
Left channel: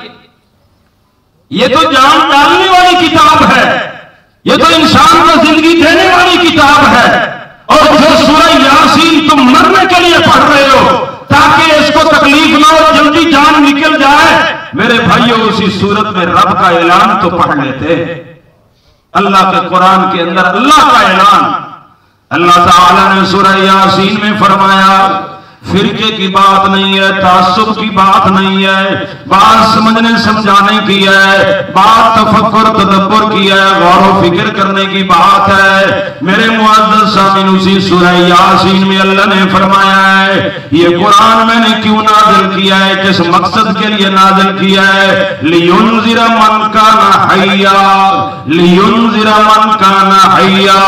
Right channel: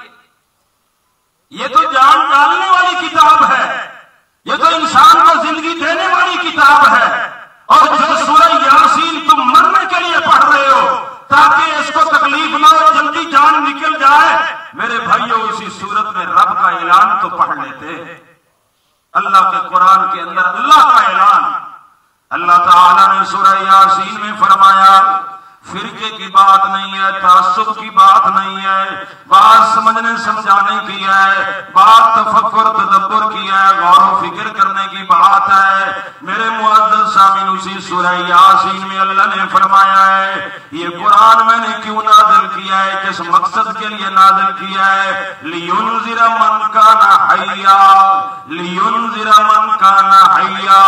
ये तो जान डालने वाली किताब है, ये तो इंसान को जिंदगी देने वाली किताब है। और जो सूरह यासीन तुम मरने के लिए पढ़ रहे हो ताकि इसको तकलीफ ना हो, जल्दी जान निकल जाए, मेरे भाइयों उसी सूरत में रब का ऐलान तो पढ़ लेते। अल्लाह के कुरान के अंदर अल्लाह का ऐलान, अल्लाह ताला ने सूरह यासीन में फरमाया, फिरके की बात नहीं है, तासुब की बात नहीं है, बात समझने समझाने की है, बात तफक्कुर तदब्बुर की है, गौर व फिक्र करने की बात है। मेरे मुअज़्ज़ज़ सामीन, उसी सूरह यासीन में अल्लाह ने फरमाया है, ये कुरान मैंने क्यों नाज़िल किया है, किस मकसद के लिए नाज़िल किया है? लियुनज़िरा मन काना हय्या, लियुनज़िरा मन काना हय्या।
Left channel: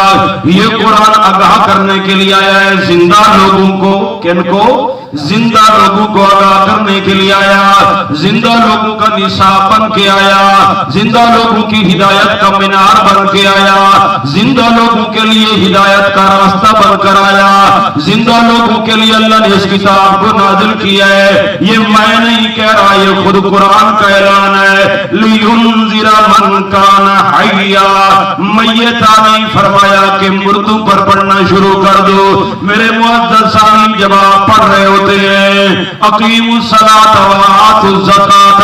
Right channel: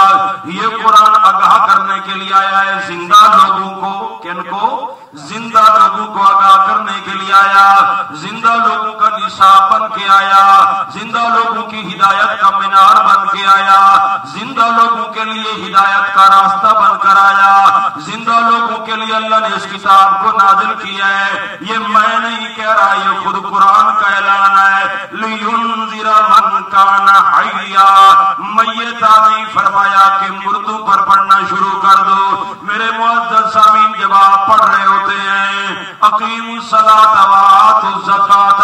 ये कुरान आगाह करने के लिए आया है जिंदा लोगों को, किनको? जिंदा लोगों को आगाह करने के लिए आया, जिंदा लोगों का निशाब बन के आया, जिंदा लोगों की हिदायत का मीनार बन के आया, जिंदा लोगों के लिए हिदायत का रास्ता बनकर आया, जिंदा लोगों के लिए अल्लाह ने इस किताब को नाजिल किया है। ये मैं नहीं कह रहा, ये खुद कुरान का ऐलान है। लियुनज़िरा मन काना हय्या, मय्यता नहीं फरमाया कि मुर्दों पर पढ़ना शुरू कर दो। मेरे मुअज़्ज़ज़ सामीन, जब आप पढ़ रहे होते हैं अकीमुस सलात व आतुज़ ज़कात,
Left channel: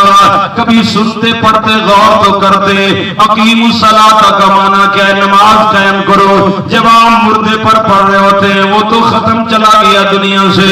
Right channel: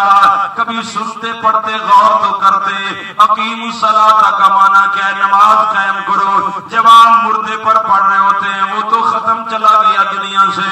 कभी सुनते पढ़ते गौर तो करते, अकीमुस सलात का माना क्या है? नमाज कायम करो। जब आप मुर्दे पर पढ़ रहे होते हैं, वो तो खत्म चला गया दुनिया से,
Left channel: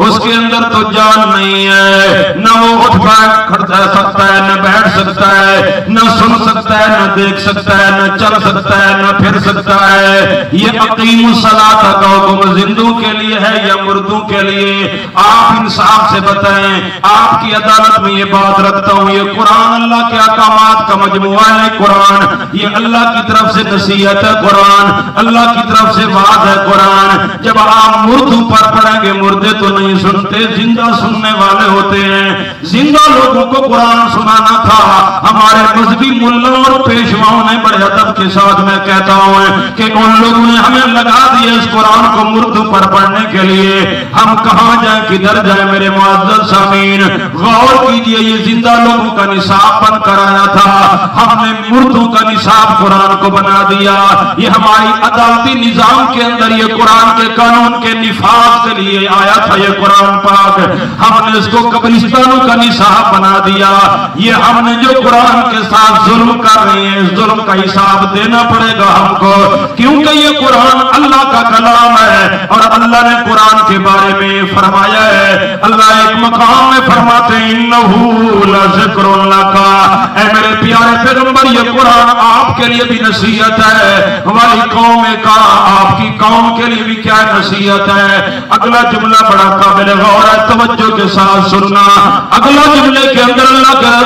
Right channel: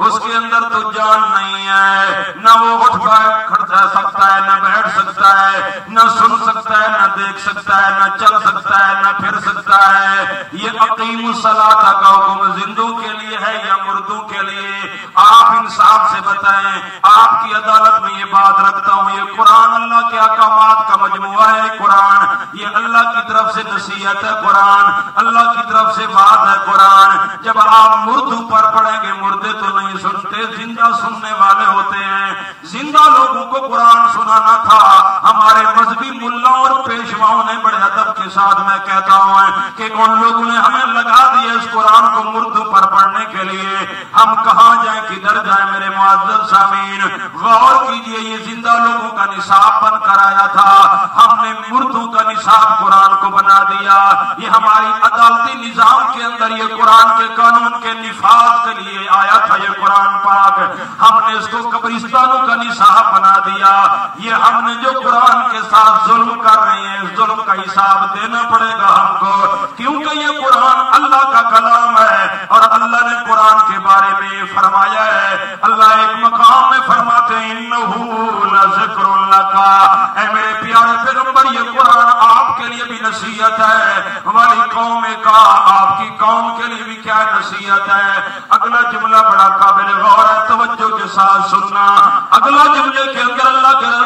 उसके अंदर तो जान नहीं है, न वो उठ बैठ सकता है, न बैठ सकता है, न सुन सकता है, न देख सकता है, न चल सकता है, न फिर सकता है। ये अकीमुस सलात का हुक्म जिंदों के लिए है या मुर्दों के लिए? आप इंसाफ से बताएं, आपकी अदालत में ये बात रखता हूं। ये कुरान अल्लाह के अहकामात का मजमुआ है। कुरान ये अल्लाह की तरफ से नसीहत है, कुरान अल्लाह की तरफ से वाद है। कुरान जब आप मुर्दों पर पढ़ेंगे, मुर्दे तो नहीं सुनते, जिंदा सुनने वाले होते हैं। जिंदा लोगों को कुरान सुनाना था। हमारे मजहबी मुल्लों और पेशवाओं ने बड़े अदब के साथ मैं कहता हूं कि उन लोगों ने हमें लगा दिया इस कुरान को मुर्दों पर पढ़ने के लिए। हम कहां जाए, किधर जाए? मेरे मुअज़्ज़ज़ सामीन, गौर कीजिए, ये जिंदा लोगों का निसाब बनकर आया था, हमने मुर्दों का निसाब कुरान को बना दिया। ये हमारी अदालती निजाम के अंदर ये कुरान के कानून के निफाज के लिए आया था। ये कुरान पाक हमने इसको कब्रिस्तानों का निसाब बना दिया। ये हमने जो कुरान के साथ जुल्म कर रहे हैं, इस जुल्म का हिसाब देना पड़ेगा हमको, क्योंकि ये कुरान अल्लाह का कलाम है। और अल्लाह ने कुरान के बारे में फरमाया है, अल्लाह एक मकाम में फरमाते हैं, इन्नहू लज़िक्रुन लका, ऐ मेरे प्यारे पैगंबर, ये कुरान आपके लिए भी नसीहत है। हमारी कौम का, आपकी कौम के लिए भी क्या नसीहत है? अगला जुमला बड़ा काबिल गौर है, तवज्जो के साथ सुनना। अगला जुमले के अंदर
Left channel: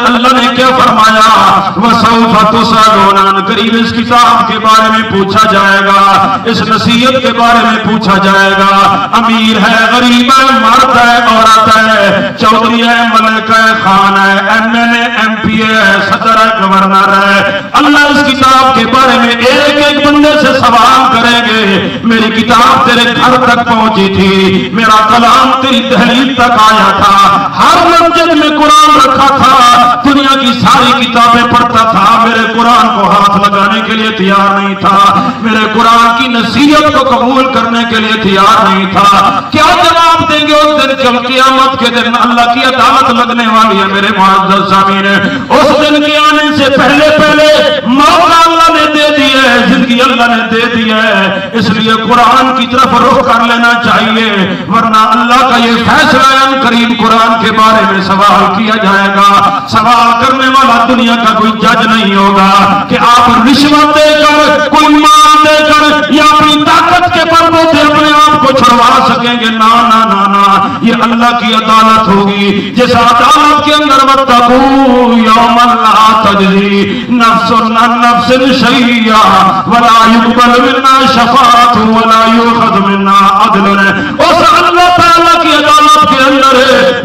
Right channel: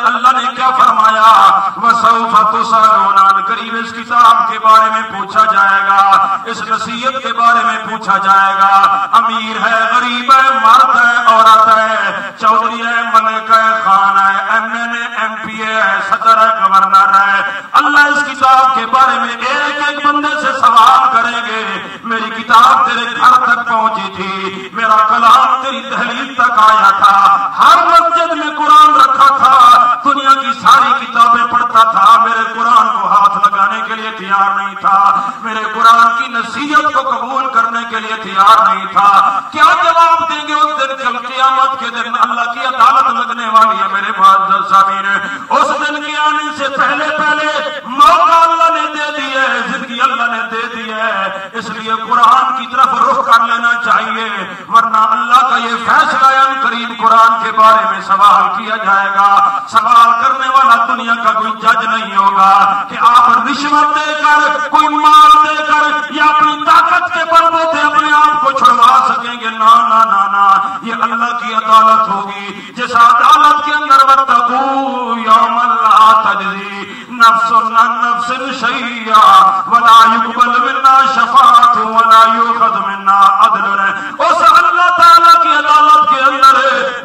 अल्लाह ने क्या फरमाया? वसौफ़ तुसअलून, करीब इस किताब के बारे में पूछा जाएगा, इस नसीहत के बारे में पूछा जाएगा। अमीर है, गरीब है, मर्द है, औरत है, चौधरी है, मलिक है, खान है, एमएलए, एमपीए है, सदर है, गवर्नर है। अल्लाह इस किताब के बारे में एक एक बंदे से सवाल करेंगे। मेरी किताब तेरे घर तक पहुंची थी, मेरा कलाम तेरी दहलीज तक आया था, हर मस्जिद में कुरान रखा था, दुनिया की सारी किताबें पढ़ता था, मेरे कुरान को हाथ लगाने के लिए तैयार नहीं था, मेरे कुरान की नसीहत को कबूल करने के लिए तैयार नहीं था। क्या जवाब देंगे उस दिन जब क़यामत के दिन अल्लाह की अदालत लगने वाली है? मेरे मुअज़्ज़ज़ सामीन, उस दिन के आने से पहले पहले मौका अल्लाह ने दे दी है, जिंदगी अल्लाह ने दे दी है, इसलिए कुरान की तरफ रुख कर लेना चाहिए, वरना अल्लाह का ये फैसला है, करीब कुरान के बारे में सवाल किया जाएगा। सवाल करने वाला दुनिया का कोई जज नहीं होगा कि आप रिश्वत देकर, कोई माल देकर या अपनी ताकत के पर्दे से अपने आप को छुड़वा सकेंगे। ना ना ना ना, ये अल्लाह की अदालत अदालत के अंदर वत्तकू यौमन ला तजज़ी नफ्सुन अन नफ्सिन शैय्या वला युक़बल मिन्ना शफ़ाअतुन वला युख़ज़ मिन्ना अदलन। उस अल्लाह ताला की अदालत के अंदर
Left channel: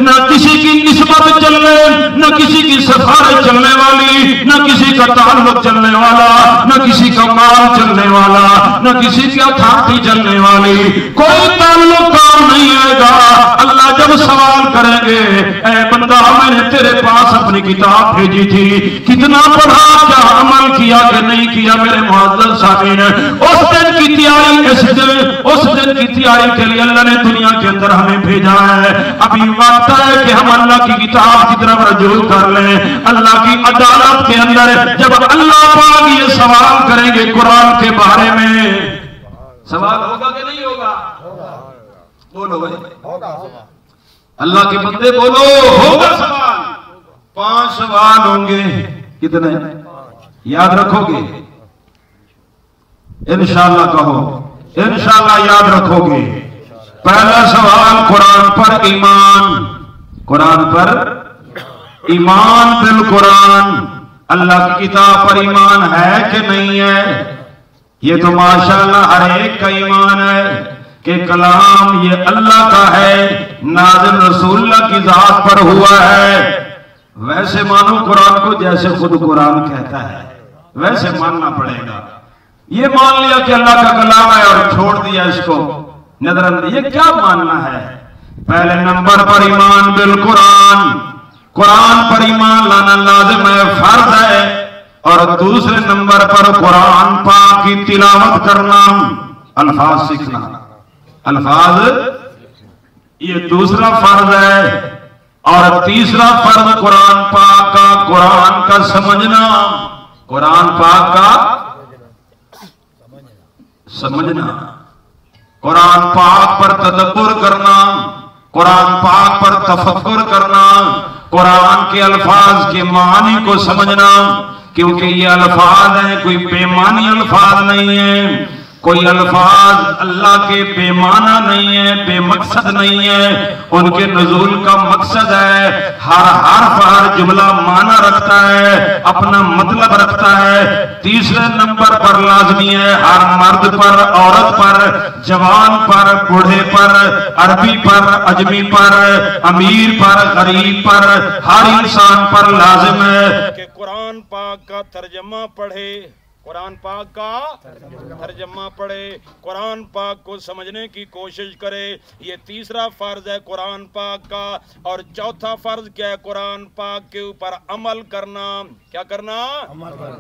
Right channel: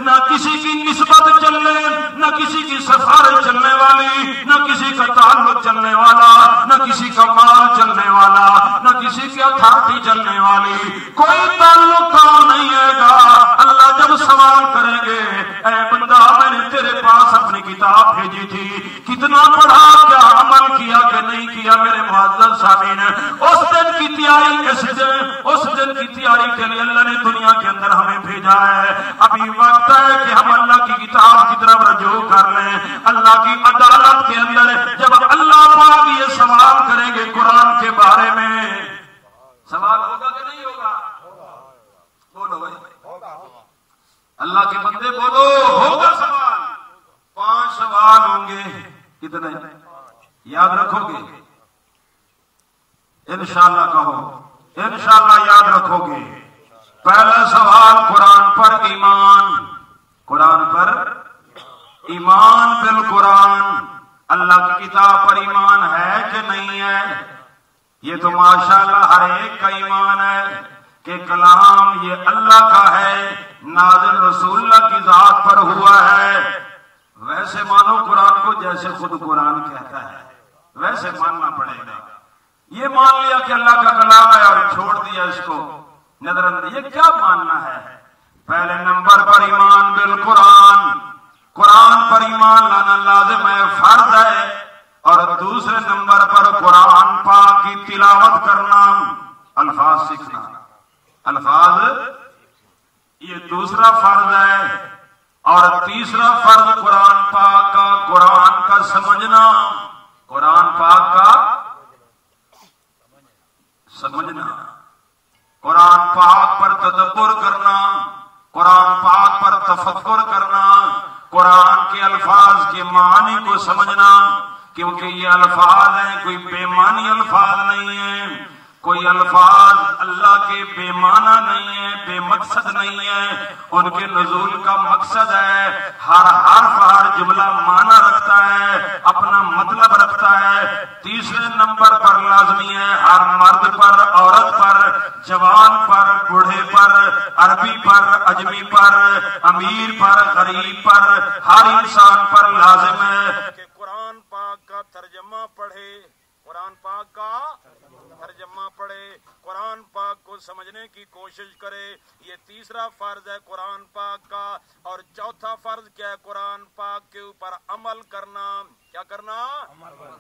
न किसी की निस्बत चलने, न किसी की सिफारिश चलने वाली, न किसी का ताल्लुक चलने वाला, न किसी का माल चलने वाला, न किसी की अथॉरिटी चलने वाली, कोई ताल्लुक काम नहीं आएगा। अल्लाह जब सवाल करेंगे, ऐ बंदा मैंने तेरे पास अपनी किताब भेजी थी, कितना पढ़ा, क्या अमल किया कि नहीं किया? मेरे मुअज़्ज़ज़ सामीन, उस दिन की तैयारी, उस दिन की तैयारी के लिए अल्लाह ने दुनिया के अंदर हमें भेजा है। अभी वक्त है कि हम अल्लाह की किताब की तरफ रजू कर लें। अल्लाह की अदालत के अंदर जब अल्लाह पाक ये सवाल करेंगे कुरान के बारे में, सवाल होगा कि नहीं होगा? बोलो भाई, अल्लाह के बंदे बोलो, होगा सवाल। 5 सवाल होंगे। कितने याद रखोगे? इंशाअल्लाह कहो, इंशाअल्लाह याद रखोगे। पहला सवाल कुरान पर ईमान, कुरान पर ईमान, बिल कुरान, अल्लाह की किताब पर ईमान है कि नहीं है? ये तो माशाअल्लाह हर एक का ईमान है कि कलाम ये अल्लाह का है, नाज़िल रसूलुल्लाह की जात पर हुआ है। वैसे मानो कुरान को जैसे खुद कुरान कहता है, वैसे मानना पड़ेगा। ये मान लिया कि अल्लाह का कलाम है और छोड़ दिया इसको नजरअंदाज, ये क्या मानना है? पहले नंबर पर ईमान बिल कुरान, कुरान पर ईमान लाना लाजिम है, फर्ज है। और दूसरे नंबर पर कुरान पाक की तिलावत करना, अल्फाज सीखना, अल्फाज ये दूसरा फर्ज है। और तीसरा फर्ज कुरान पाक का समझना, कुरान पाक का समझना, कुरान पाक पर तदब्बुर करना, कुरान पाक पर तफक्कुर करना, कुरान के अल्फाज के मानी को समझना, क्योंकि ये अल्फाज हैं, कोई बेमानी अल्फाज नहीं है, कोई अल्फाज अल्लाह के बेमाना नहीं है, बेमकसद नहीं है। उनके नुज़ूल का मकसद है, हर हर्फ हर जुमला माना रखता है, अपना मतलब रखता है। तीसरे नंबर पर लाजमी है हर मर्द पर, औरत पर, जवान पर, बूढ़े पर, अरबी पर, अजमी पर, अमीर पर, गरीब पर, हर इंसान पर लाजिम है कि कुरान पाक का तर्जमा पढ़े, कुरान पाक का तर्जमा पढ़े, कुरान पाक को समझने की कोशिश करे। ये तीसरा फर्ज है कुरान पाक का। और चौथा फर्ज क्या है? कुरान पाक के ऊपर अमल करना। क्या करना?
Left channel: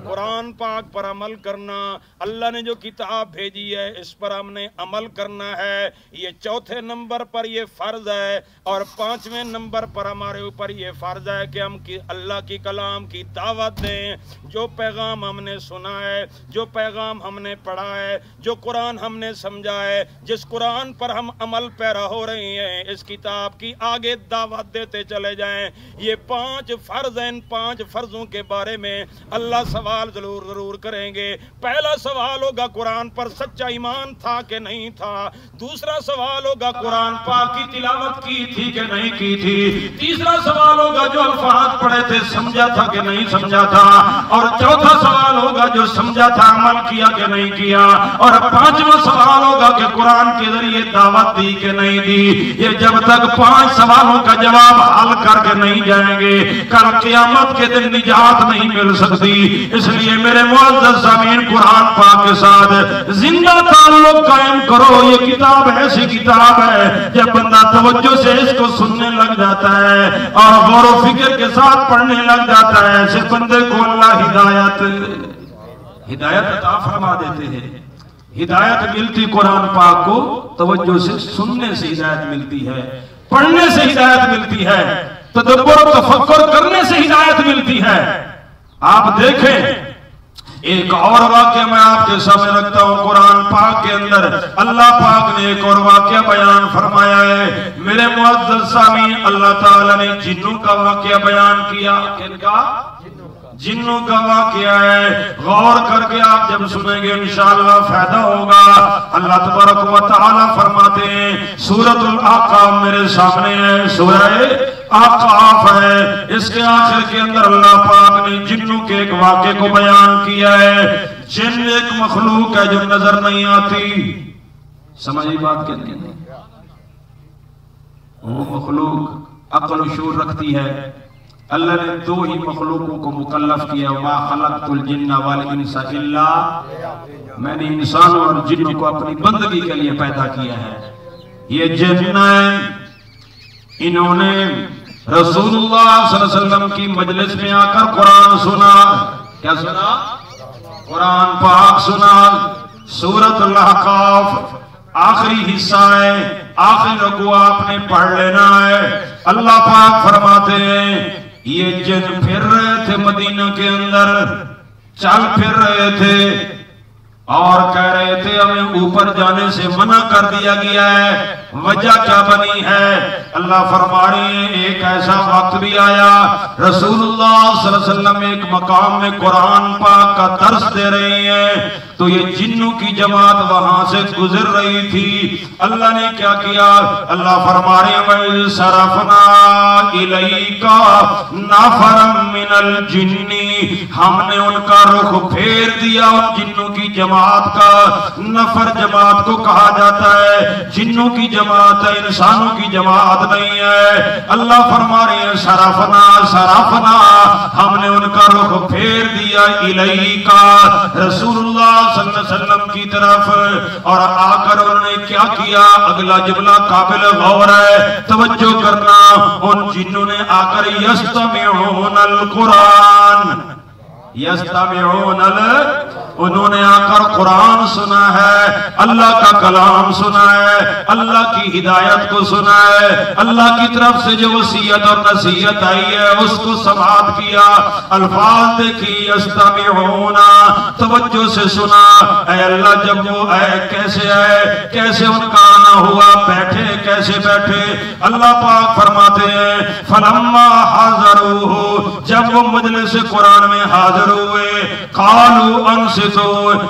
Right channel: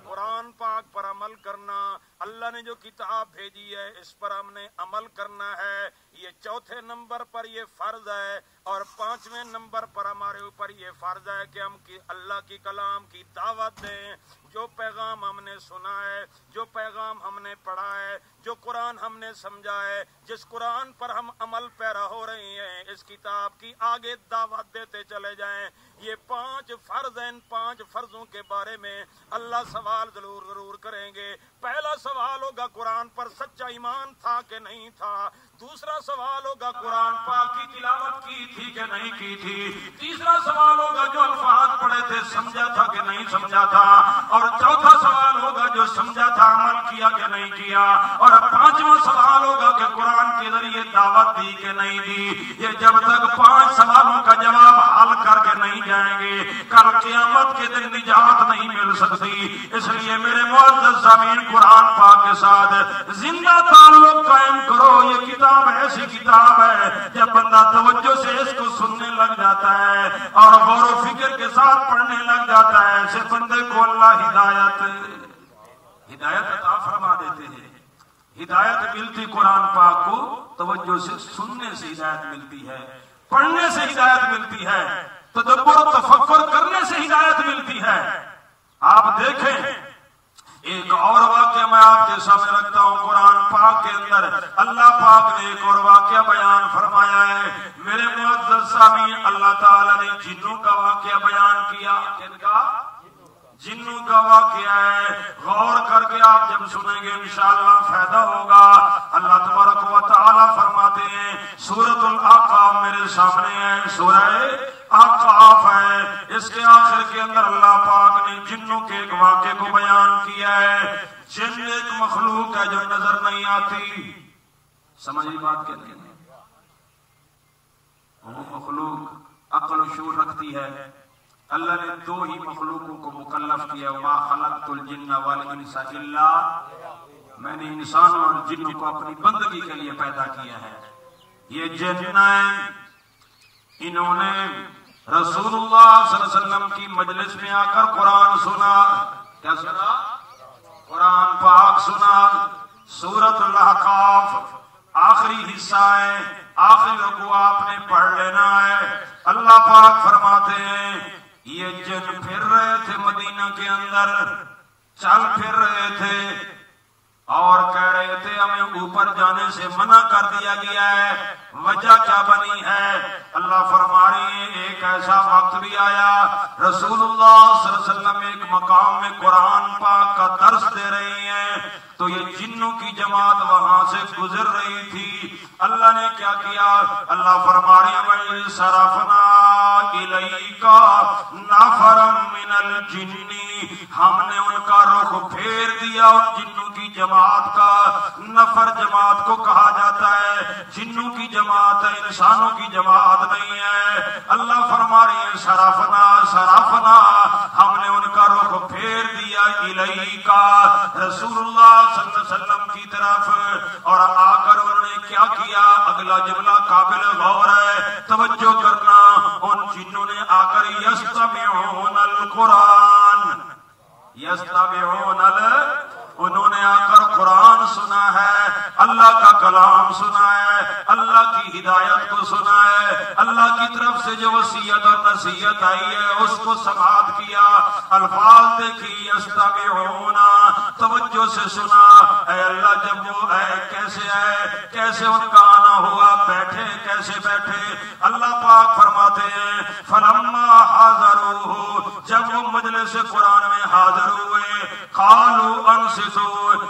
कुरान पाक पर अमल करना। अल्लाह ने जो किताब भेजी है इस पर हमने अमल करना है, ये चौथे नंबर पर ये फर्ज है। और 5वें नंबर पर हमारे ऊपर ये फर्ज है कि हम अल्लाह की कलाम की दावत दें। जो पैगाम हमने सुना है, जो पैगाम हमने पढ़ा है, जो कुरान हमने समझा है, जिस कुरान पर हम अमल पैरा हो रहे हैं, इस किताब की आगे दावत देते चले जाएं। ये 5 फर्ज हैं। इन 5 फर्जों के बारे में अल्लाह सवाल जरूर करेंगे। पहला सवाल होगा कुरान पर सच्चा ईमान था कि नहीं था। दूसरा सवाल होगा कुरान पाक की तिलावत की थी कि नहीं की थी। तीसरा सवाल होगा जो अल्फाज पढ़े थे समझा था कि नहीं समझा था। और चौथा सवाल होगा जो समझा था अमल किया कि नहीं किया। और 5वां सवाल होगा कि कुरान के जरिए दावत दी कि नहीं दी। ये जब तक 5 सवालों का जवाब हल करके नहीं जाएंगे, कल क़यामत के दिन निजात नहीं मिल सकती। इसलिए मेरे मुअज़्ज़ज़ सामीन, कुरान पाक के साथ जिंदा ताल्लुक कायम करो। ये किताब ऐसी किताब है जब बंदा तवज्जो से इसको सुनने लग जाता है और गौर व फिक्र के साथ पढ़ने लग जाता है, ऐसे बंदे को अल्लाह हिदायत अता फरमा देते हैं। हिदायत मिलती कुरान पाक को तवज्जो से सुनने से हिदायत मिलती है, पढ़ने से हिदायत मिलती है, तदब्बुर तफक्कुर करने से हिदायत मिलती है। आप देखें, एक और वाक्य मैं आपके सामने रखता हूँ। कुरान पाक के अंदर अल्लाह पाक ने एक और वाक्य बयान फरमाया है। मेरे मुअज़्ज़ज़ सामीन, अल्लाह ताला ने जिन्नों का वाक्य बयान किया। किनका? जिन्नों का वाक़या है। गौर करके आप जब सुनेंगे इंशाअल्लाह फायदा होगा। अल्लाह तबारक व तआला फरमाते हैं, सूरतुल आक़ाफ़ मेरे सामने है, सूरह आकाफ है। इसके आखिर के अंदर अल्लाह पाक ने जिन्नों के एक वाक़े को बयान किया है। जिन एक मखलूक है जो नजर नहीं आती, समझी बात कहते हैं, वो मखलूक अक्ल शूर रखती है। अल्लाह ने दो ही मखलूकों को मुकल्लफ किया, मा खलक़तुल जिन्ना वल इंसा इल्ला, मैंने इंसानों और जिन्नों को अपनी बंदगी के लिए पैदा किया है। ये जिन्न इन्होंने रसूलुल्लाह सल्लल्लाहु अलैहि वसल्लम की मजलिस में आकर कुरान सुना। क्या सुना? कुरान पाक सुना। सूरतुल अहकाफ आखिरी हिस्सा है, आखिरी रुकू आपने पढ़ लेना है। अल्लाह पाक फरमाते हैं ये जिन फिर रहे थे मदीना के अंदर, चल फिर रहे थे और कह रहे थे हमें ऊपर जाने से मना कर दिया गया है। वजह क्या बनी है? अल्लाह फरमा रहे हैं एक ऐसा वक्त भी आया, रसूलुल्लाह सल्लल्लाहु अलैहि वसल्लम एक मकाम में कुरान पाक का दर्स दे रहे हैं, तो ये जिन्नों की जमात वहां से गुजर रही थी। अल्लाह ने क्या किया? अल्लाह फरमा रहे हैं सरफना इलैका नफरम मिनल जिन्नी, हमने उनका रुख फेर दिया उन जिन्नों की जमात का। नफर जमात को कहा जाता है, जिन्नों की जमात है, इंसानों की जमात नहीं है। अल्लाह फरमा रहे हैं सरफना सरफना, हमने उनका रुख फेर दिया इलैका रसूलुल्लाह सल्लल्लाहु अलैहि वसल्लम की तरफ। और आकर उन्होंने क्या किया? अगला जुमला काबिल गौर है, तवज्जो करना। उन जिन्नों ने आकर यस्तमिऊनल कुरान, यस्तमिऊनल, उन्होंने आकर कुरान सुना है, अल्लाह का कलाम सुना है, अल्लाह की हिदायत को सुना है, अल्लाह की तरफ से जो वसीयत और नसीहत आई है उसको समाअत किया। अल्फाज देखी यस्तमिऊना, तवज्जो से सुना। ऐ अल्लाह जब वो कैसे है, कैसे उनका आना हुआ, बैठे कैसे बैठे? अल्लाह पाक फरमाते हैं फलम्मा हाज़रूहु, जब वो मजलिस कुरान में हाजिर हुए, कालू अंस, तो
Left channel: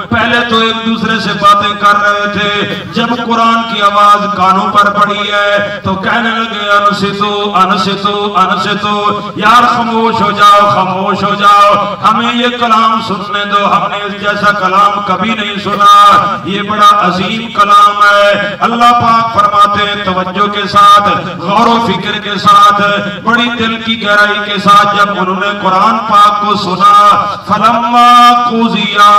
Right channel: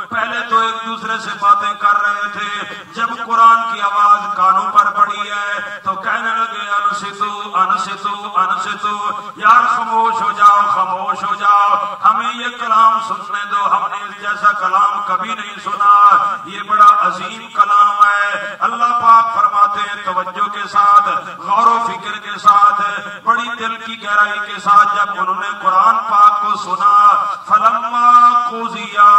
पहले तो एक दूसरे से बातें कर रहे थे, जब कुरान की आवाज कानों पर पड़ी है तो कहने लगे अनसितो अनसितो अनसितो, यार खामोश हो जाओ, खामोश हो जाओ, हमें ये कलाम सुनने दो, हमने इस जैसा कलाम कभी नहीं सुना, ये बड़ा अजीम कलाम है। अल्लाह पाक फरमाते हैं तवज्जो के साथ, गौर व फिक्र के साथ, बड़ी दिल की गहराई के साथ जब उन्होंने कुरान पाक को सुना, फलम्मा कुज़िया,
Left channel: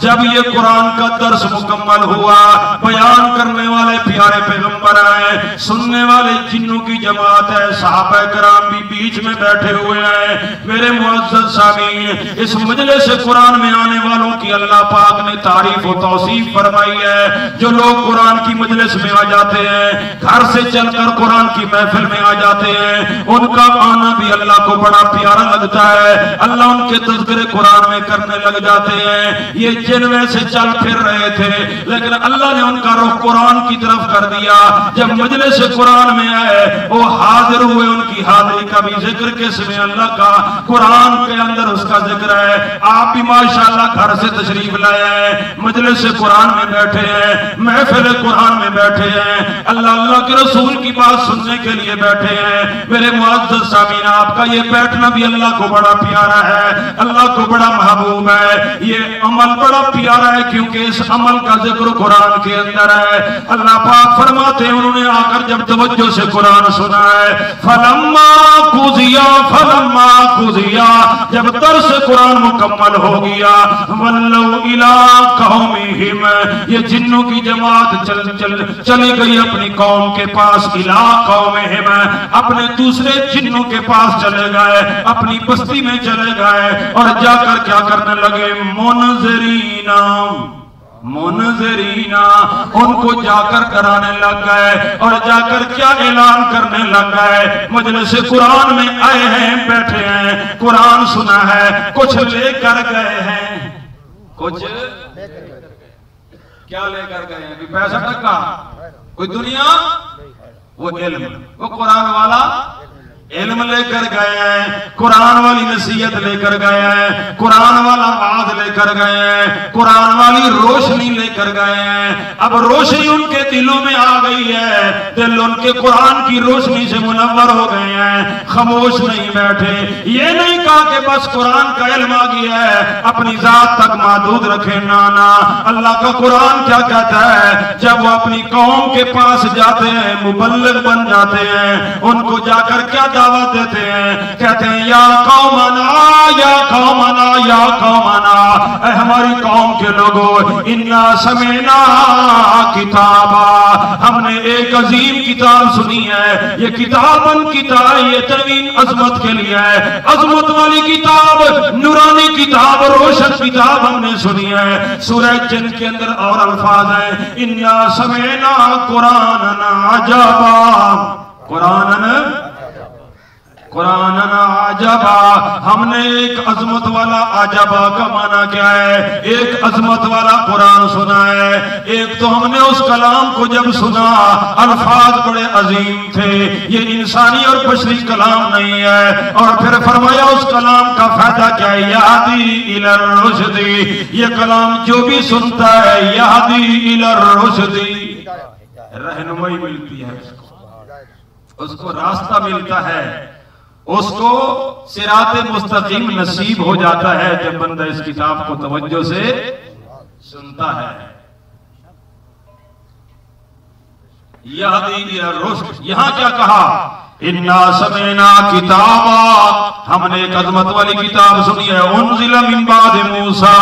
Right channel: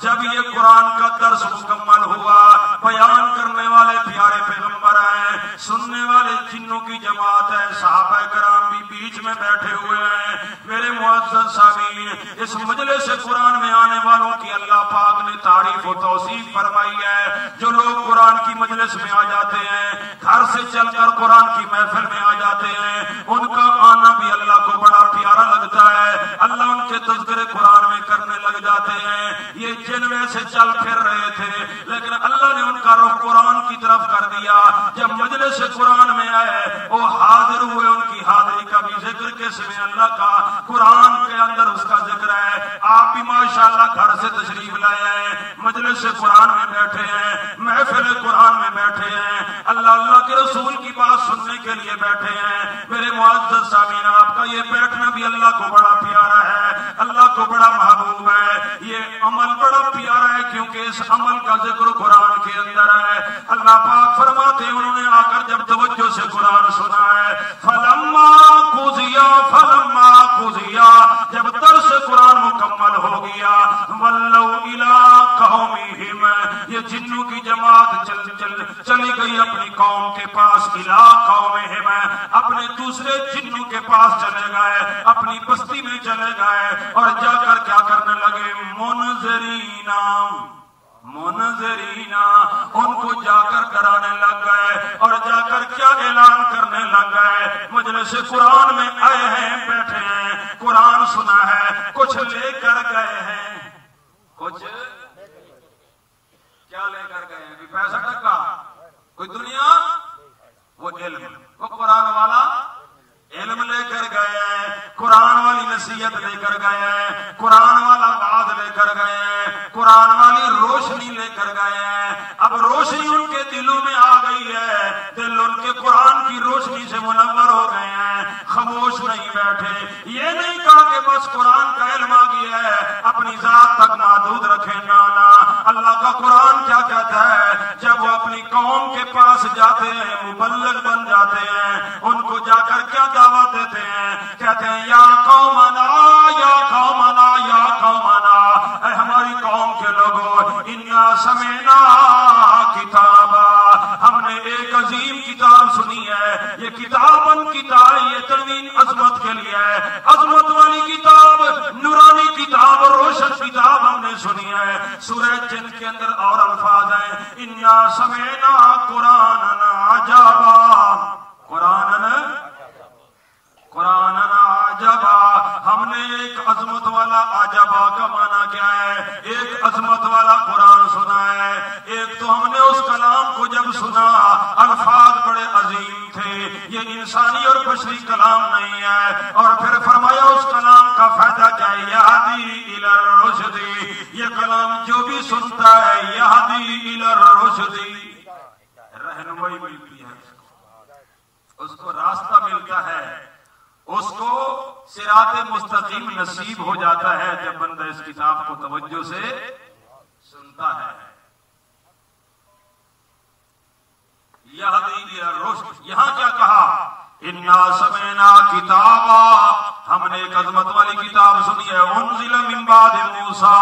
जब ये कुरान का दर्स मुकम्मल हुआ, बयान करने वाले प्यारे पैगंबर हैं, सुनने वाले जिन्नों की जमात है, सहाबा किराम भी बीच में बैठे हुए हैं। मेरे मुअज़्ज़ज़ सामीन, इस मजलिस से कुरान में आने वालों की अल्लाह पाक ने तारीफ और तौसीफ फरमाई है। जो लोग कुरान की मजलिस में आ जाते हैं, घर से चलकर कुरान की महफिल में आ जाते हैं, उनका आना भी अल्लाह को बड़ा प्यारा लगता है। अल्लाह उनके तज़किरे कुरान में करने लग जाते हैं। ये जिन वैसे चल फिर रहे थे, लेकिन अल्लाह ने उनका रुख कुरान की तरफ कर दिया। जब मजलिस कुरान में आए, वो हाजिर हुए, उनकी हाजिरी का भी जिक्र किसमें? अल्लाह का, कुरान के अंदर उसका जिक्र है। आप भी माशाअल्लाह घर से तशरीफ लाए हैं, मजलिस कुरान में बैठे हैं, महफिल कुरान में बैठे हैं, अल्लाह अल्लाह के रसूल की बात सुनने के लिए बैठे हैं। मेरे मुअज़्ज़ज़ सामीन, आपका ये बैठना भी अल्लाह को बड़ा प्यारा है, अल्लाह को बड़ा महबूब है। ये अमल बड़ा प्यारा है क्योंकि इस अमल का जिक्र कुरान के अंदर है। अल्लाह पाक फरमाते हैं उन्होंने आकर जब तवज्जो से कुरान सुना है, फलम्मा कुज़िया, फलम्मा कुज़िया, जब दर्स कुरान मुकम्मल हो गया, वल्लौ इला कौमिहिम, ये जिन्नों की जमात चली गई अपनी कौम के पास। इला कौमिहिम, अपने दूसरे जिन्नों के पास चले गए, अपनी बस्ती में चले गए और जाकर क्या करने लगे? मुनज़िरीना, मुनज़िरीना, उनको जाकर कराने लग गए और जाकर क्या ऐलान करने लग गए? मजलिस कुरान में आए हैं, बैठे हैं, कुरान सुना है, कुछ लेकर गए हैं, कुछ क्या लेकर गए हैं? पैसा टका, कोई दुनिया, वो इल्म, वो कुरान वाला इल्म लेकर गए हैं, कुरान वाली नसीहत लेकर गए हैं, कुरान वाला वाद लेकर गए हैं, कुरान वाली रोशनी लेकर गए हैं। अब रोशनी उनके दिलों में आ गई है, दिल उनके कुरान की रोशनी से मुनव्वर हो गए हैं, खामोश नहीं बैठे। ये नहीं कहा कि बस कुरान का इल्म आ गया है अपनी जात तक महदूद रखे, ना ना। अल्लाह का कुरान क्या कहता है, जब वो अपनी कौम के पास जाते हैं, मुबल्लिग बन जाते हैं, उनको जाकर क्या दावत देते हैं, कहते हैं या कौमना या कौमना या कौमना, हमारी कौम के लोगों, इन्ना समेना किताबा, हमने एक अजीम किताब सुनी है। ये किताबन किताब, ये तवीन अजमत के लिए है, अजमत वाली किताब, नूरानी किताब, रोशन किताब हमने सुनी है। सूरह जिन के अंदर और अल्फाज है, इन्ना समेना कुरानन अजबा, कुरानन अजबा, हमने एक अजमत वाला, अजबा का माना क्या है, एक अजमत वाला कुरान सुना है। एक तो हमने उस कलाम को जब सुना, अल्फाज बड़े अजीम थे, ये इंसानी और बशरी कलाम नहीं है। और फिर फरमाया उस कलाम का फायदा क्या है, यहदी इलर रुश्दी, ये कलाम जो भी सुनता है, यहदी इलर रुश्दी, रहनुमाई मिलती है, उसको रास्ता मिलता है, उसको सिराते मुस्तकीम नसीब हो जाता है जब बंदा इस किताब को तवज्जो से सुनता है। यहदी इला रुश्द, यहां क्या कहा, इन्ना समेना किताबा, हमने एक अज़मत वाली किताब सुनी है, उन्ज़िला मिन बाद मूसा,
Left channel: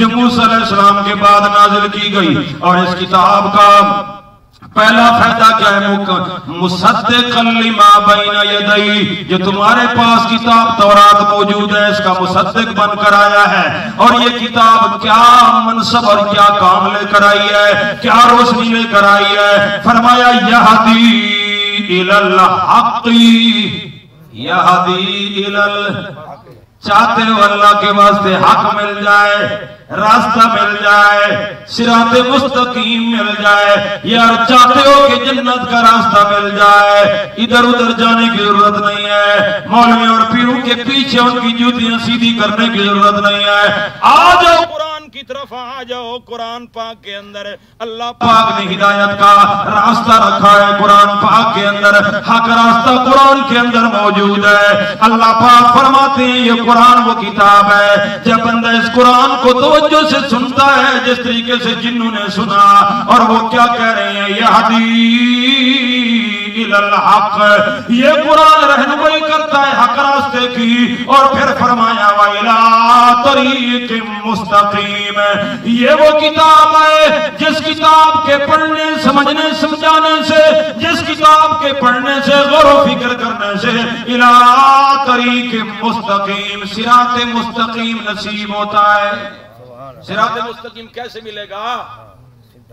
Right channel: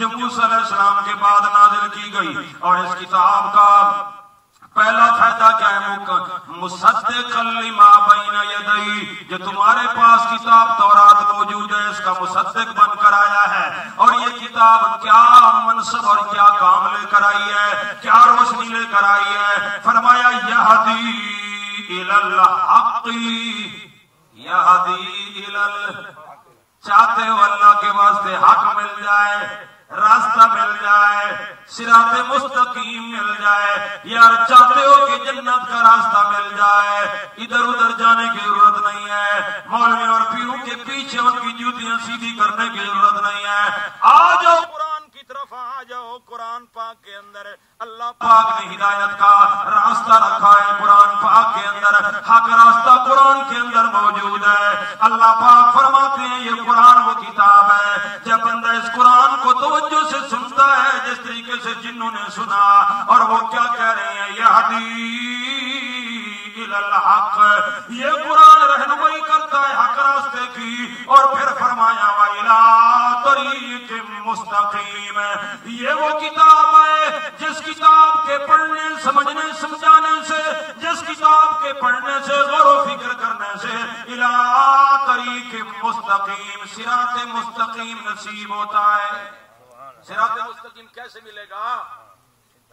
जो मूसा अलैहिस्सलाम के बाद नाज़िल की गई। और इस किताब का पहला फायदा क्या है, मुसद्दिक़न लिमा बैना यदई, जो तुम्हारे पास किताब तौरात मौजूद है, इसका मुसद्दिक बनकर आया है। और ये किताब क्या मनसब और क्या काम लेकर आई है, क्या रोशनी लेकर आई है। फरमाया यहदी इलल हक़्क़ी, यहदी इलल, चाहते हो अल्लाह के वास्ते हक मिल जाए, रास्ता मिल जाए, सिराते मुस्तकीम मिल जाए, यार चाहते हो कि जन्नत का रास्ता मिल जाए, इधर उधर जाने की जरूरत नहीं है, मौलवी और पीरों के पीछे उनकी जूतियां सीधी करने की जरूरत नहीं है। आ जाओ कुरान की तरफ, आ जाओ कुरान पाक के अंदर। अल्लाह पाक ने हिदायत का रास्ता रखा है कुरान पाक के अंदर, हक रास्ता कुरान के अंदर मौजूद है। अल्लाह पाक फरमाते हैं ये कुरान वो किताब है, जब बंदा इस कुरान को तवज्जो से सुनता है, जिस तरीके से जिन्नों ने सुना, और वो क्या कह रहे हैं, यहदी इलल हक़, ये कुरान रहनुमाई करता है हक रास्ते की। और फिर फरमाया वइला तरीक़ मुस्तक़ीम, ये वो किताब है जिस किताब के पढ़ने समझने समझाने से, जिस किताब के पढ़ने से गौर फिक्र करने से, इला तरीक़ मुस्तक़ीम, सिराते मुस्तक़ीम नसीब होता है। सिराते मुस्तक़ीम कैसे मिलेगा,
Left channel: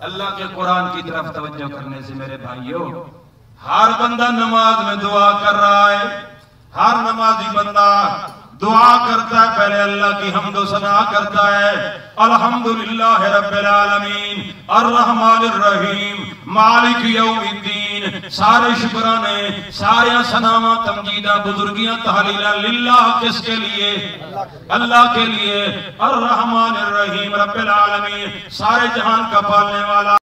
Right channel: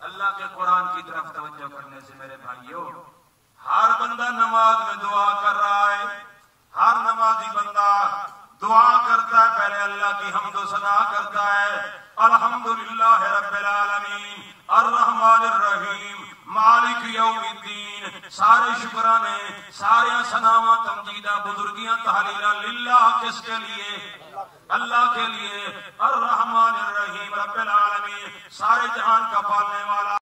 अल्लाह के कुरान की तरफ तवज्जो करने से। मेरे भाइयों, हर बंदा नमाज में दुआ कर रहा है, हर नमाजी बंदा दुआ करता है, पहले अल्लाह की हम्द सना करता है, अल्हम्दुलिल्लाह रब्बिल आलमीन अर्रहमानिर रहीम मालिक यौमिद्दीन, सारे शुक्राने, सारे सनामा तमजीदा बुजुर्गियां तहलीला लिल्लाह, किसके लिए, अल्लाह के लिए, अर्रहमानिर रहीम रब्बिल आलमीन, सारे जहान का पालने वाला।